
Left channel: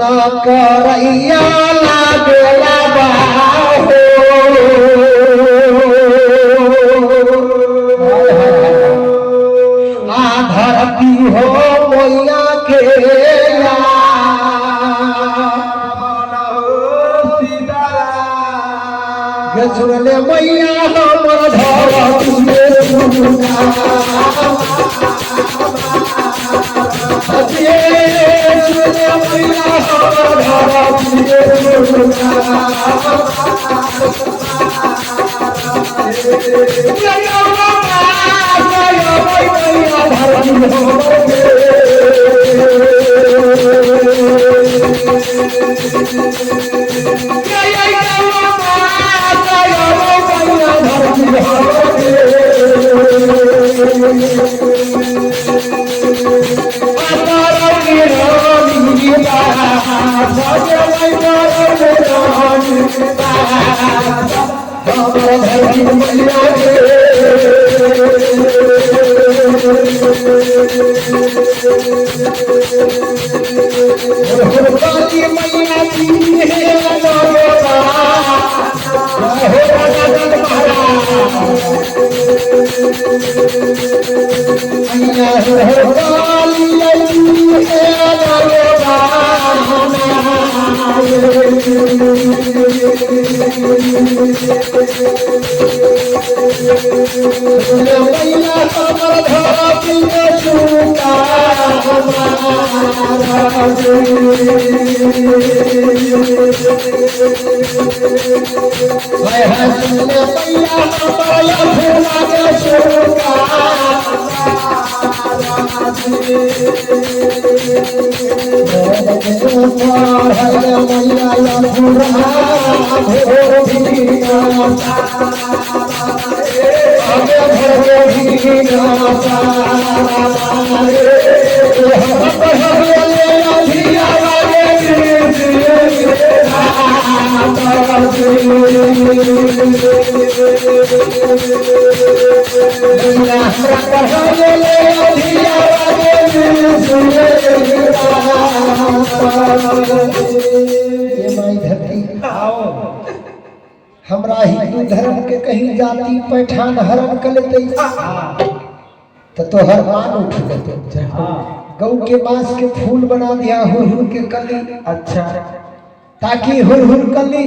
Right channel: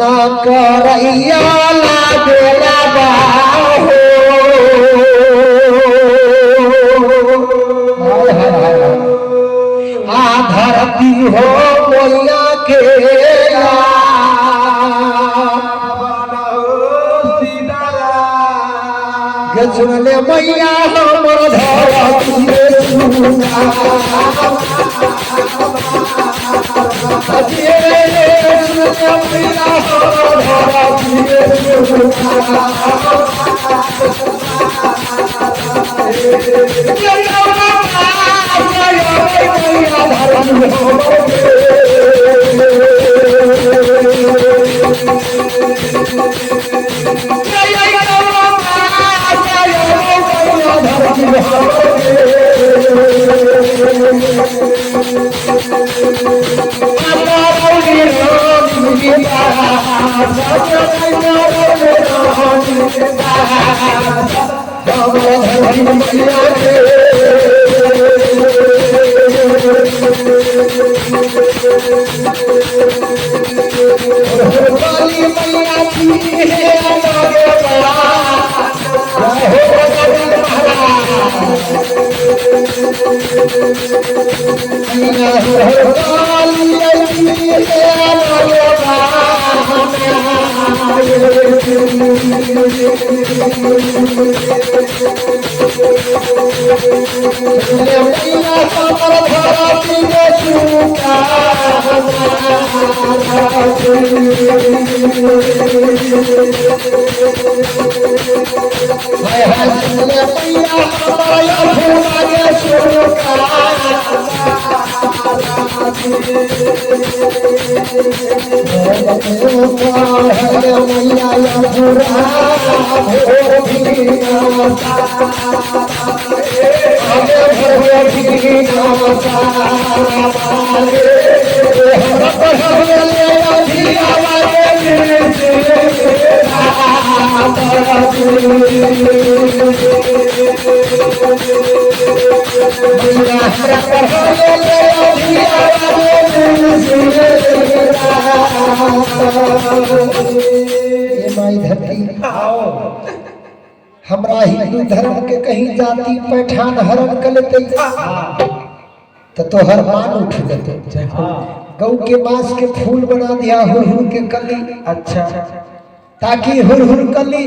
ना करैया लागेला बाहो के सुन ले मैया हमर धरती में सुना अजे सुन ले मैया हमर धरती में सुना हमरा हिंदू धर्म के कहीं जाति पैठान हरण कर लेते तो तोहर मान उठ जाते। गौ के मांस के फूल बना दिया हुरहुर के कली। अच्छा ताकि हुरहुर कली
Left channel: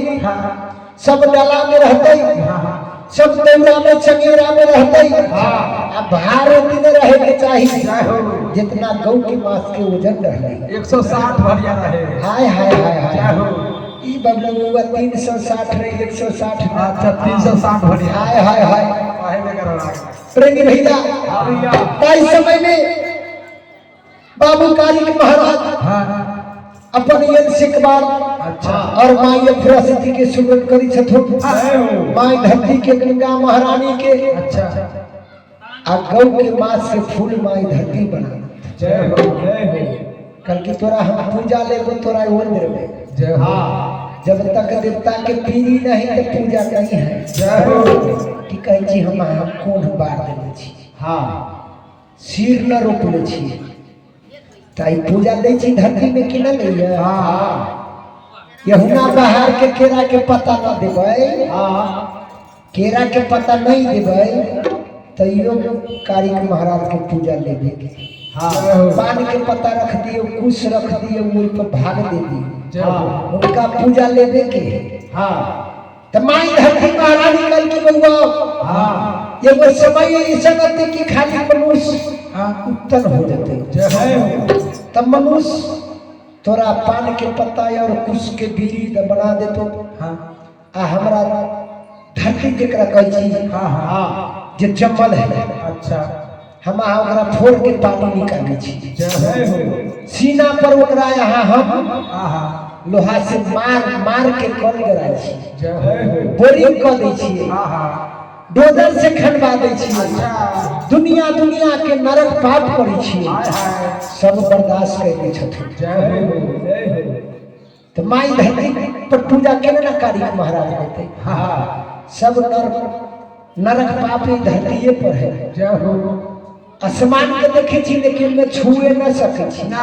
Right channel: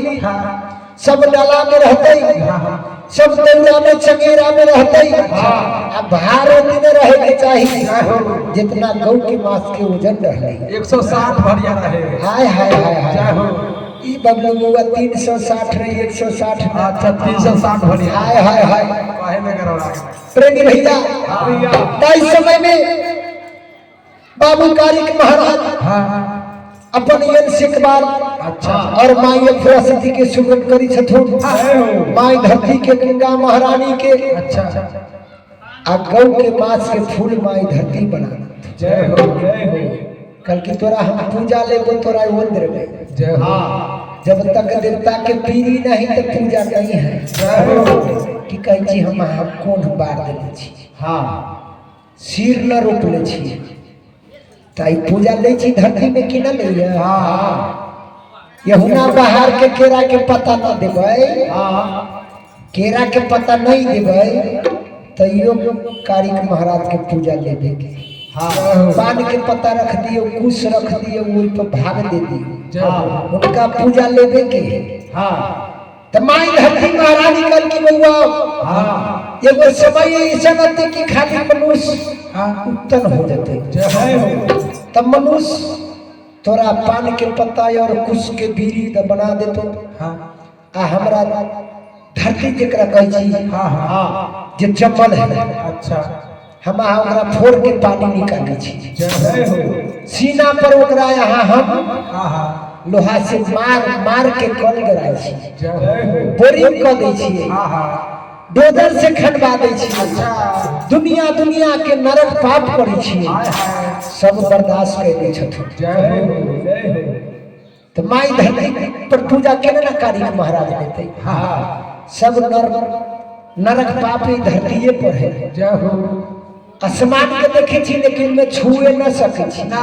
सब डाला में रहते, सब दौरा में चंगेरा में रहते। अब भार दिन रहे के चाहिए जितना गौ के मांस के वजन रहे 160 भरिया रहे। हाय हाय हाय हाय ई बगलुआ 360 रहे 160। अच्छा 360 भरिया। हाय हाय हाय काहे में करवा प्रेमी भैया ताई समय में बाबू कारिक महाराज अपन यन सिकबार अच्छा और माई सरस्वती के सुमरन करी छथुन। माई धरती के गंगा महारानी के अच्छा आ गौ के मांस के फूल माई धरती बना। जय हो जय हो। कल की तोरा हम पूजा लेबो तोरा मंदिर में जय हो। जब तक देवता के पीरी नहीं तो पूजा नहीं है। जय हो। कि कह छी हम कोन बार देले छी हां सिर न रोपले छी ताई पूजा ले छी धरती में कि न ले। हां यहुना बाहर के केरा के पत्ता न देबै। हां केरा के पत्ता नहीं देबै तैयो कारिक महाराज के पूजा लेबे के। हां पान के पत्ता रख दियो कुश रख दियो उन पर भाग दे दियो। हां उनका पूजा लेबे के। हां तो माई धरती महारानी कल की बउआ हां एगो समय ऐसा रहते कि खाली मनुष्य उत्तन हो जाते। जय हो। तब मनुष्य तोरा पान के पत्ता और कुश के बीड़ी बना देते। हां आ हमरा धरती जकरा कहै छी हां हां जे चप्पल है। अच्छा हम ओकरा फोड़ के पानी निकाले छी। जय हो। सीना पर ओकरा यहाँ हम हां लोहा से मार के कल कराई छी। जय हो। बोरिंग कर दै छी। हां डोजर से खनवा दै छी। अच्छा दुनिया के नरक पाप करै छी हाय हाय सब बर्दाश्त कैले छथिन। जय हो जय हो। तो माई धरती पर पूजा केना ना कारिक महाराज देते। हां सब नरक पाप ही धरतीये पर है। जय हो। आसमान के देखे छी लेकिन में छुए न सके छी ना,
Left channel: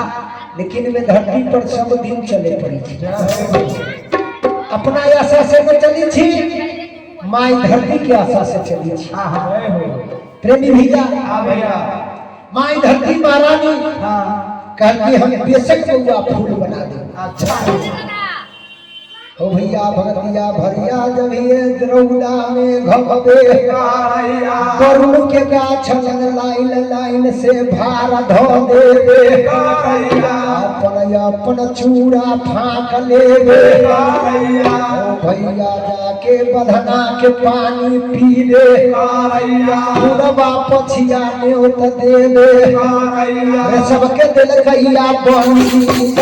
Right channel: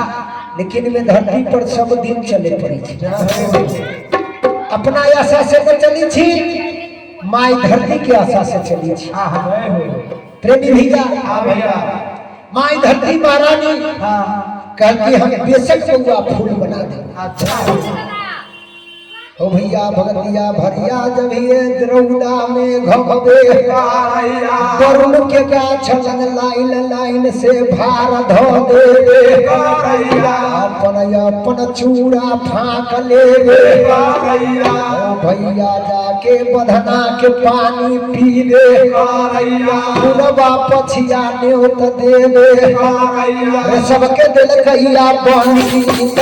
लेकिन में धरती पर सब दिन चले पड़ी छी। जय हो। अपना आशा से न चली छी माई धरती के आशा से चली छी। हां जय हो। प्रेमी भैया हां भैया माई धरती महारानी हां कहती हम बेशक बउआ फूल बना दे। अच्छा ओ भैया भगतिया भरिया जब ये रौदा में घबे वरुण के गाछ लग लाइन लाइन से भार धो देवे अपन चूड़ा फाँक लेवे भैया जाके बधना के पानी पी दे बुढ़वा पछिया न्योत देवे सबके दिल कहिया बंसी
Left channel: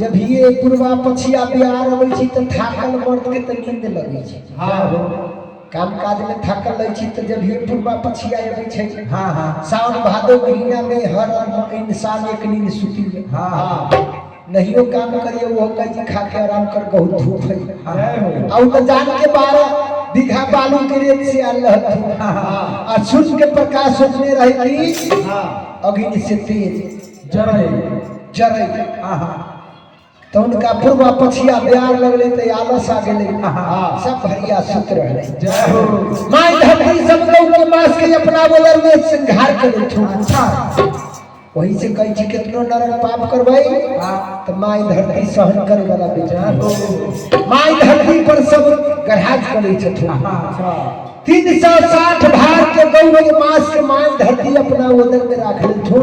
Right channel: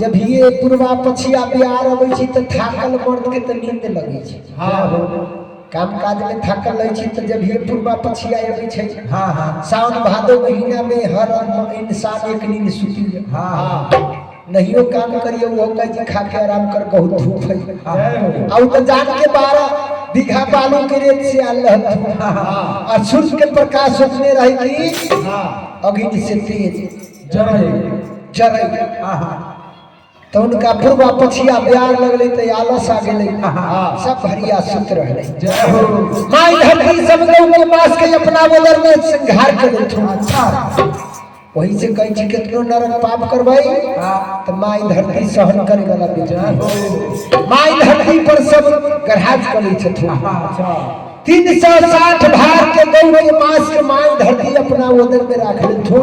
जब ये पूर्वा पछिया बिहार अबै छी त थाकल मर्द के त नींद लगै छै काम काज में थाकल रहै छी त जब ये पूर्वा पछिया अबै छै सावन भादो महीना में हर इंसान एक नींद सुती नहियो काम करिए वो कह जी खा के आराम कर बहुत धूप है और तो जान के 12 बीघा बालू के रेत से आल और सूर्य के प्रकाश सोचने रहे कि अग्नि से तेज जरे तो उनका पूर्वा पछिया ब्यार लगले तो आलस आ गेले सब भरिया सुत रहले माई धरती सब लोग के मास के अपना बदर में संघार करे वही से कहीं छी कितनो नरक पाप करवाई तो माई धरती सहन करे वाला बेचारा माई धरती पर सब गढ़ाज करे छथुन 360 भार के गौ के मास के माई धरती अपना उदर में राख लेथुन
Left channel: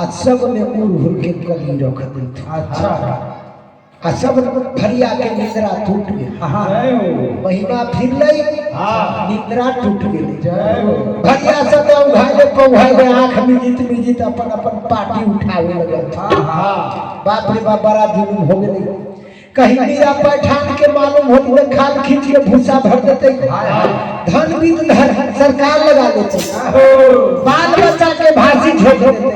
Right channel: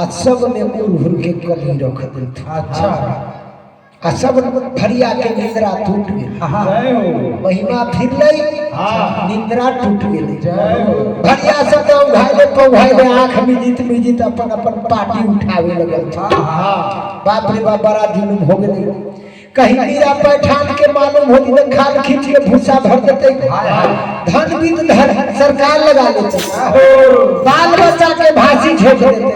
आ सब में उड़ के कली रख देथुन आ सब भरिया के निद्रा टूट गेल महिमा फिर लई निद्रा टूट गेल भरिया सब भाईले आंख मिजित अपन पार्टी उठावे लगल बाप रे बाप बड़ा जुलूम हो गेल कहीं मीरा पैठान के मालूम होती तो खाल खींच के भूसा भर देते धन भी सरकार लगा लेते बाल बच्चा के भांसी झोंक देते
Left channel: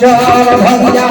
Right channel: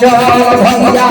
चल भैया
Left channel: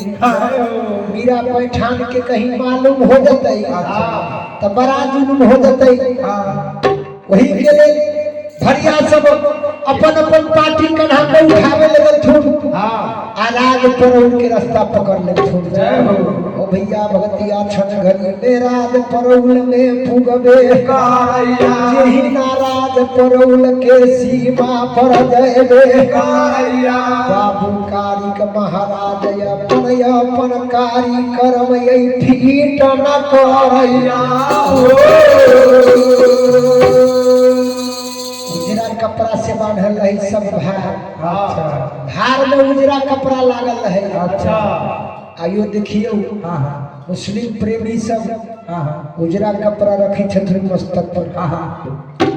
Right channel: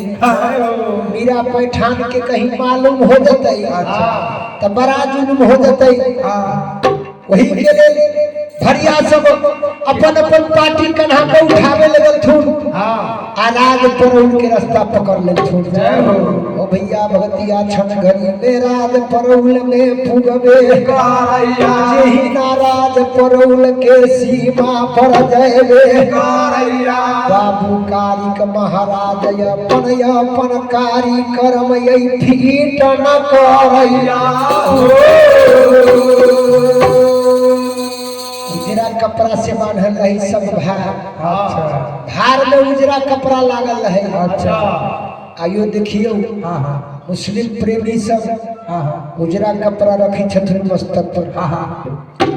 मीरा पैठान के कहीं मालूम हो जते तो बड़ा जुलूम हो जते वही के लेल भरिया सब अपन पार्टी कन्हा पे उठावे लगल थुन आराज परौल के रास्ता पकड़ ले थुन ओ भैया भगतिया छन घड़ी में राज परौल में पुगबे जेहि नाराज परौल के सीमा पर जयबे बाबू कारिक महाराज अपन कारी कर्म यही फीट न करैया उजरा कपड़ा से बांधल रही सब भार में उजरा कपड़ा लागल रहे आइयो देखियो मुस्लिम प्रेमी सब उजरा कपड़ा रखी छथुन मस्तक पर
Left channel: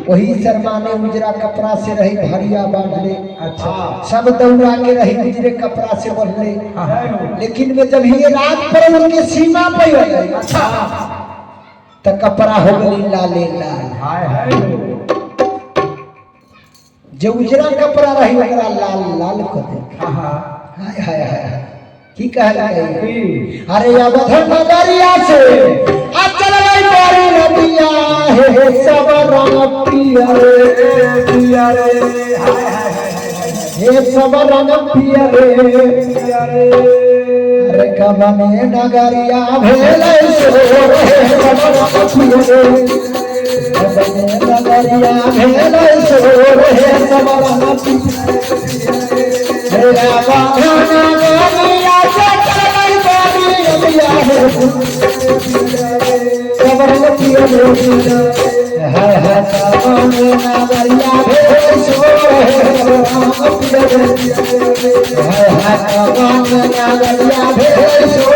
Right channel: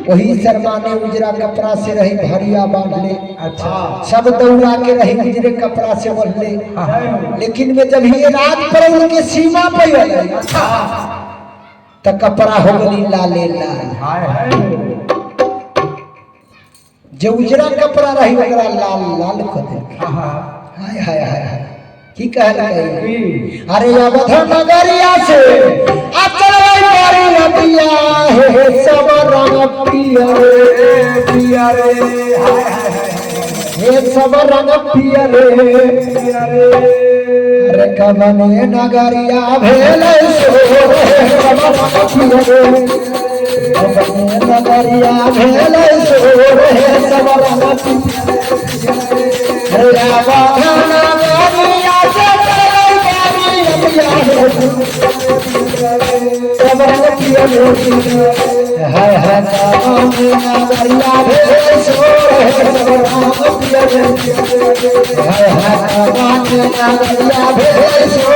वही शर्मा ने उजरा कपड़ा से रही भरिया बांधले सब दौड़ा के रही उजरे कपड़ा से बांधले लेकिन वे जब ये रात पर उनके सीमा पर गए तो कपड़ा हो गई लाले लाल जो उजरा कपड़ा रही ओकरा लाल लाल कर दे। हाँ हाय हाय हाय हाय की कहला है की अरे अवध नगरिया से आ चल गई पारी नदिया हे सब रंग पिया रे हाय हाय हे सब रंग पिया रे अरे कबने नगरिया भेलै सो सब रंग पिया रे कबने नगरिया भेलै सो सब रंग पिया रे अवध नगरिया से चल गई नदिया सब रंग पिया रे हाय हाय कबने नगरिया भेलै सो सब रंग पिया रे हाय हाय कबने नगरिया भेलै सो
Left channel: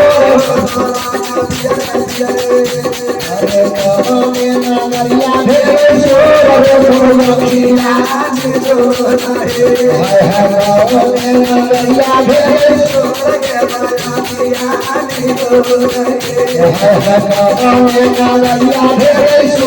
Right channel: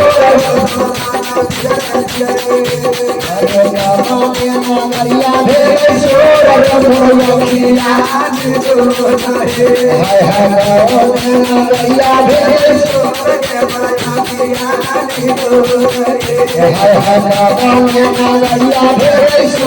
अरे कबने नगरिया भेलै सो सब रंग पिया हाय हाय कबने नगरिया भेलै सो हाय हाय कबने नगरिया भेलै सो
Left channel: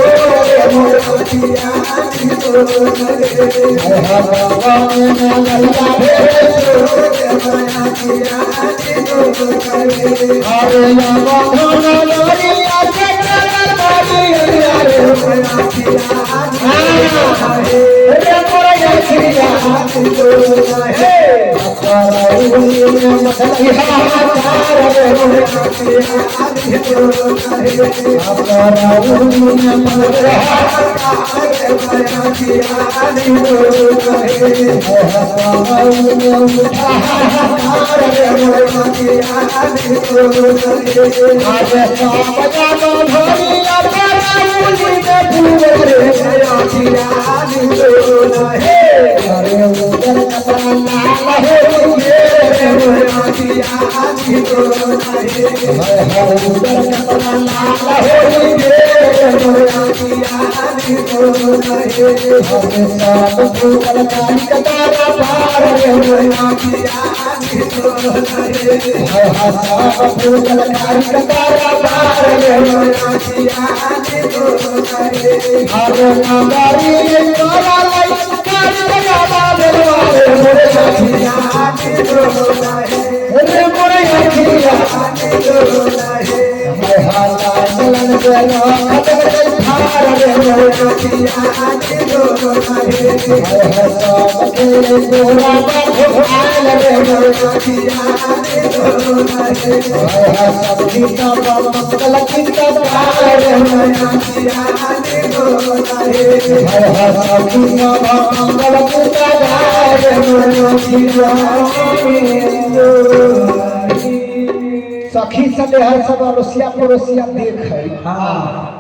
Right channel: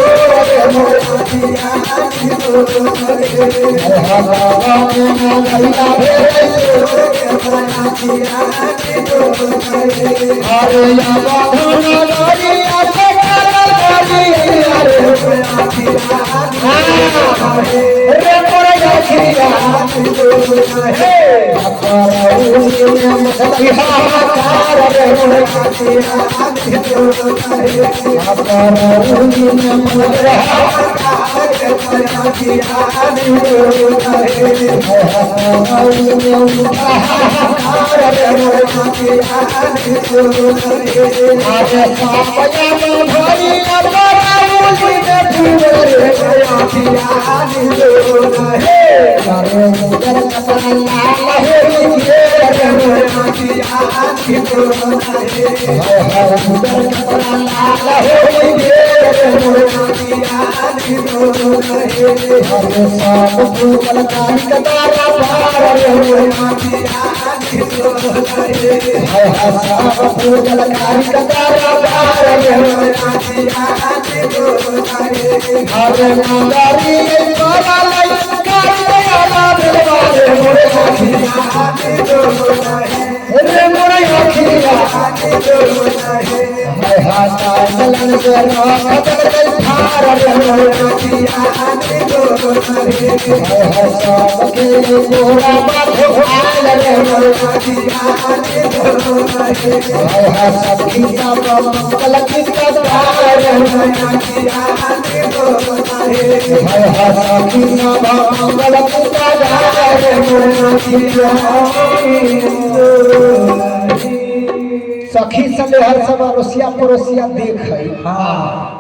सखी सब हर सब अड़ोसिया पड़ोसिया देख है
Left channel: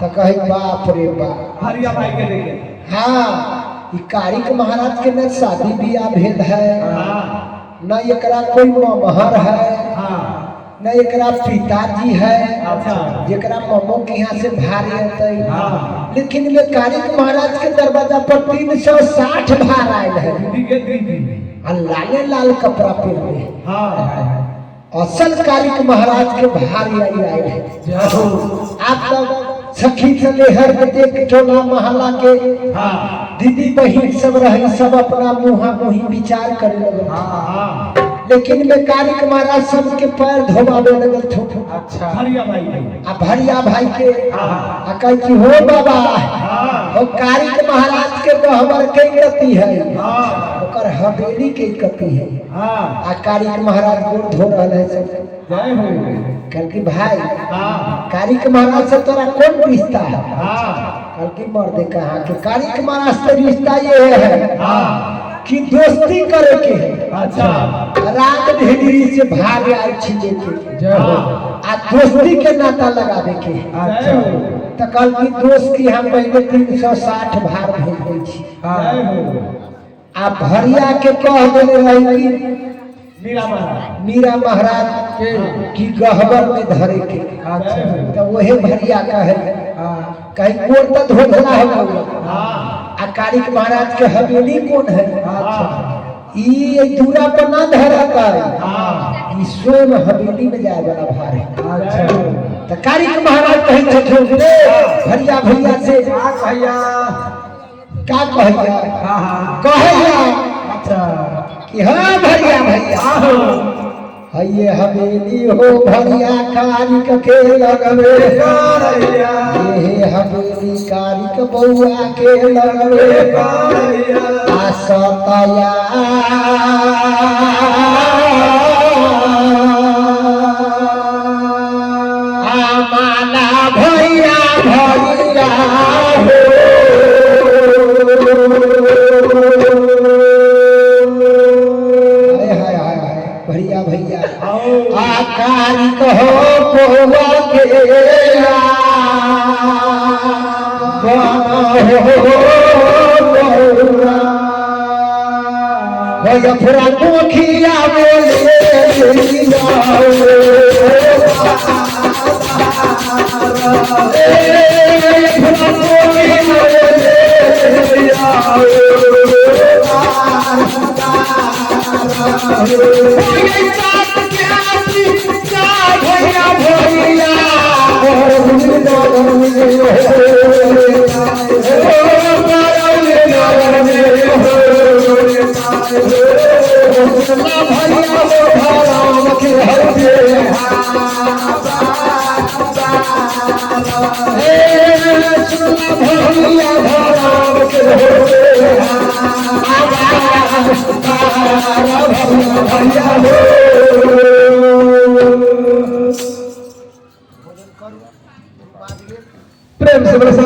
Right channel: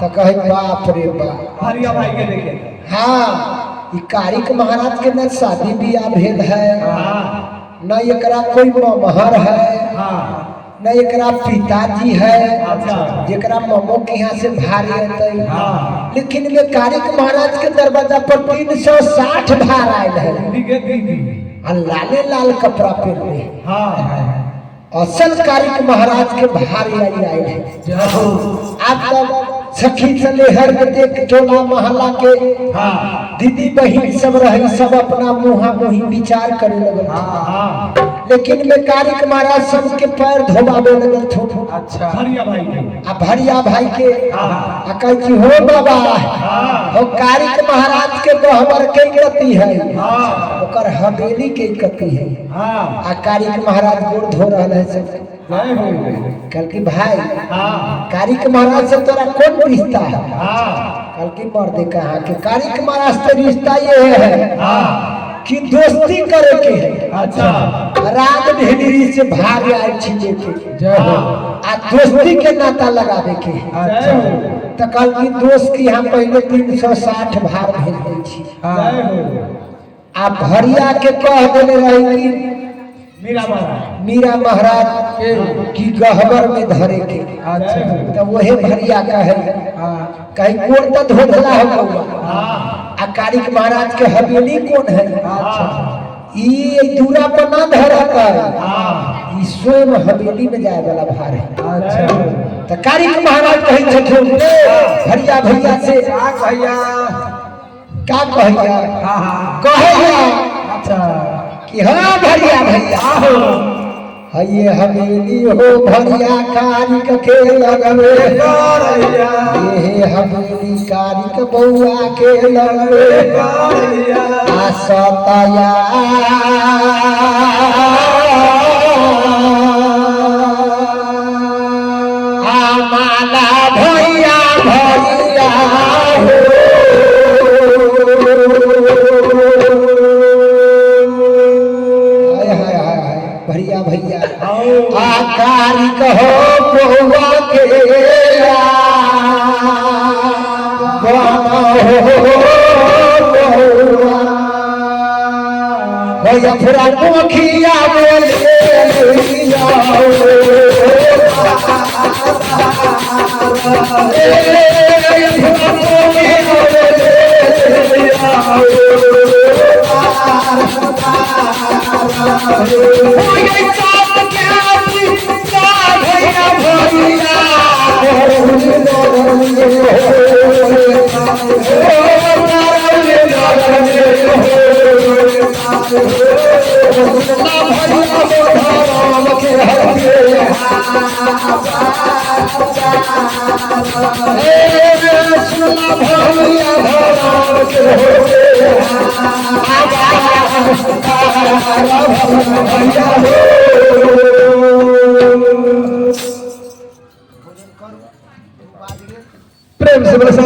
तो कहे बाप रे बाप हरिया भाई के देखे हाँ ई कारिक महाराज के न शादी बियाह भेद है न एकरा कोई ममहर है न एकरा पिताजी है जेकरा ममो के यहाँ से भार लेते लेकिन में कारिक महाराज के दरवाजा पर 360 भार आयल है लाले लाल कपड़ा पहने असल कारिक महाराज के भारी आए है आप तब सखी सलेहर के देख टोला मोहल्ला के दीदी बहन सब रही सब अपना मुहा मुही विचार करे लगल लेकिन में कारिक महाराज सबके पैर धोबावे लगल थो अच्छा भरिया भाई भरिया भाई के कह कि हो बाबा हो कारिक महाराज के गहवर के गति है ओकर हवेली के गति है आ कारिक महाराज गोड़ धो रहा है सब कल की भाई कारिक महाराज से तोरा कौन रिश्ता है कल की मर्दे कहा कि कारिक महाराज से रिश्ता ये है कि दोस्ती करे के है अच्छा रात ढेरी से भाग आए छीने के आ दोस्ती के नाता लगावे के अच्छा तो कल की दोस्त की हम पहले 360 भार भेज दै छी आ भरिया के कह देने रही कि मीरा महाराज की गहवर में धरे के तो वही भरिया कहे कोर तो धोदला हो आ कारिक महाराज के हवेली कौन है ये दूरा पर ना धरा कर स्वयं हवेली में जाए वाला भार है तो कारिक महाराज कहे छठो भरिया भैया से भैया का कहिया अच्छा कि हाँ भैया भैया आहो हये हवेली हो भैया कारिक के लगवे कारिया ये हवेली कारिक बउआ के लगवे कारिया आसतया आमाना भैया भैया भैया भैया आकारी कहो बउआ के भैया पूरा मुखिया में ले प्रेम से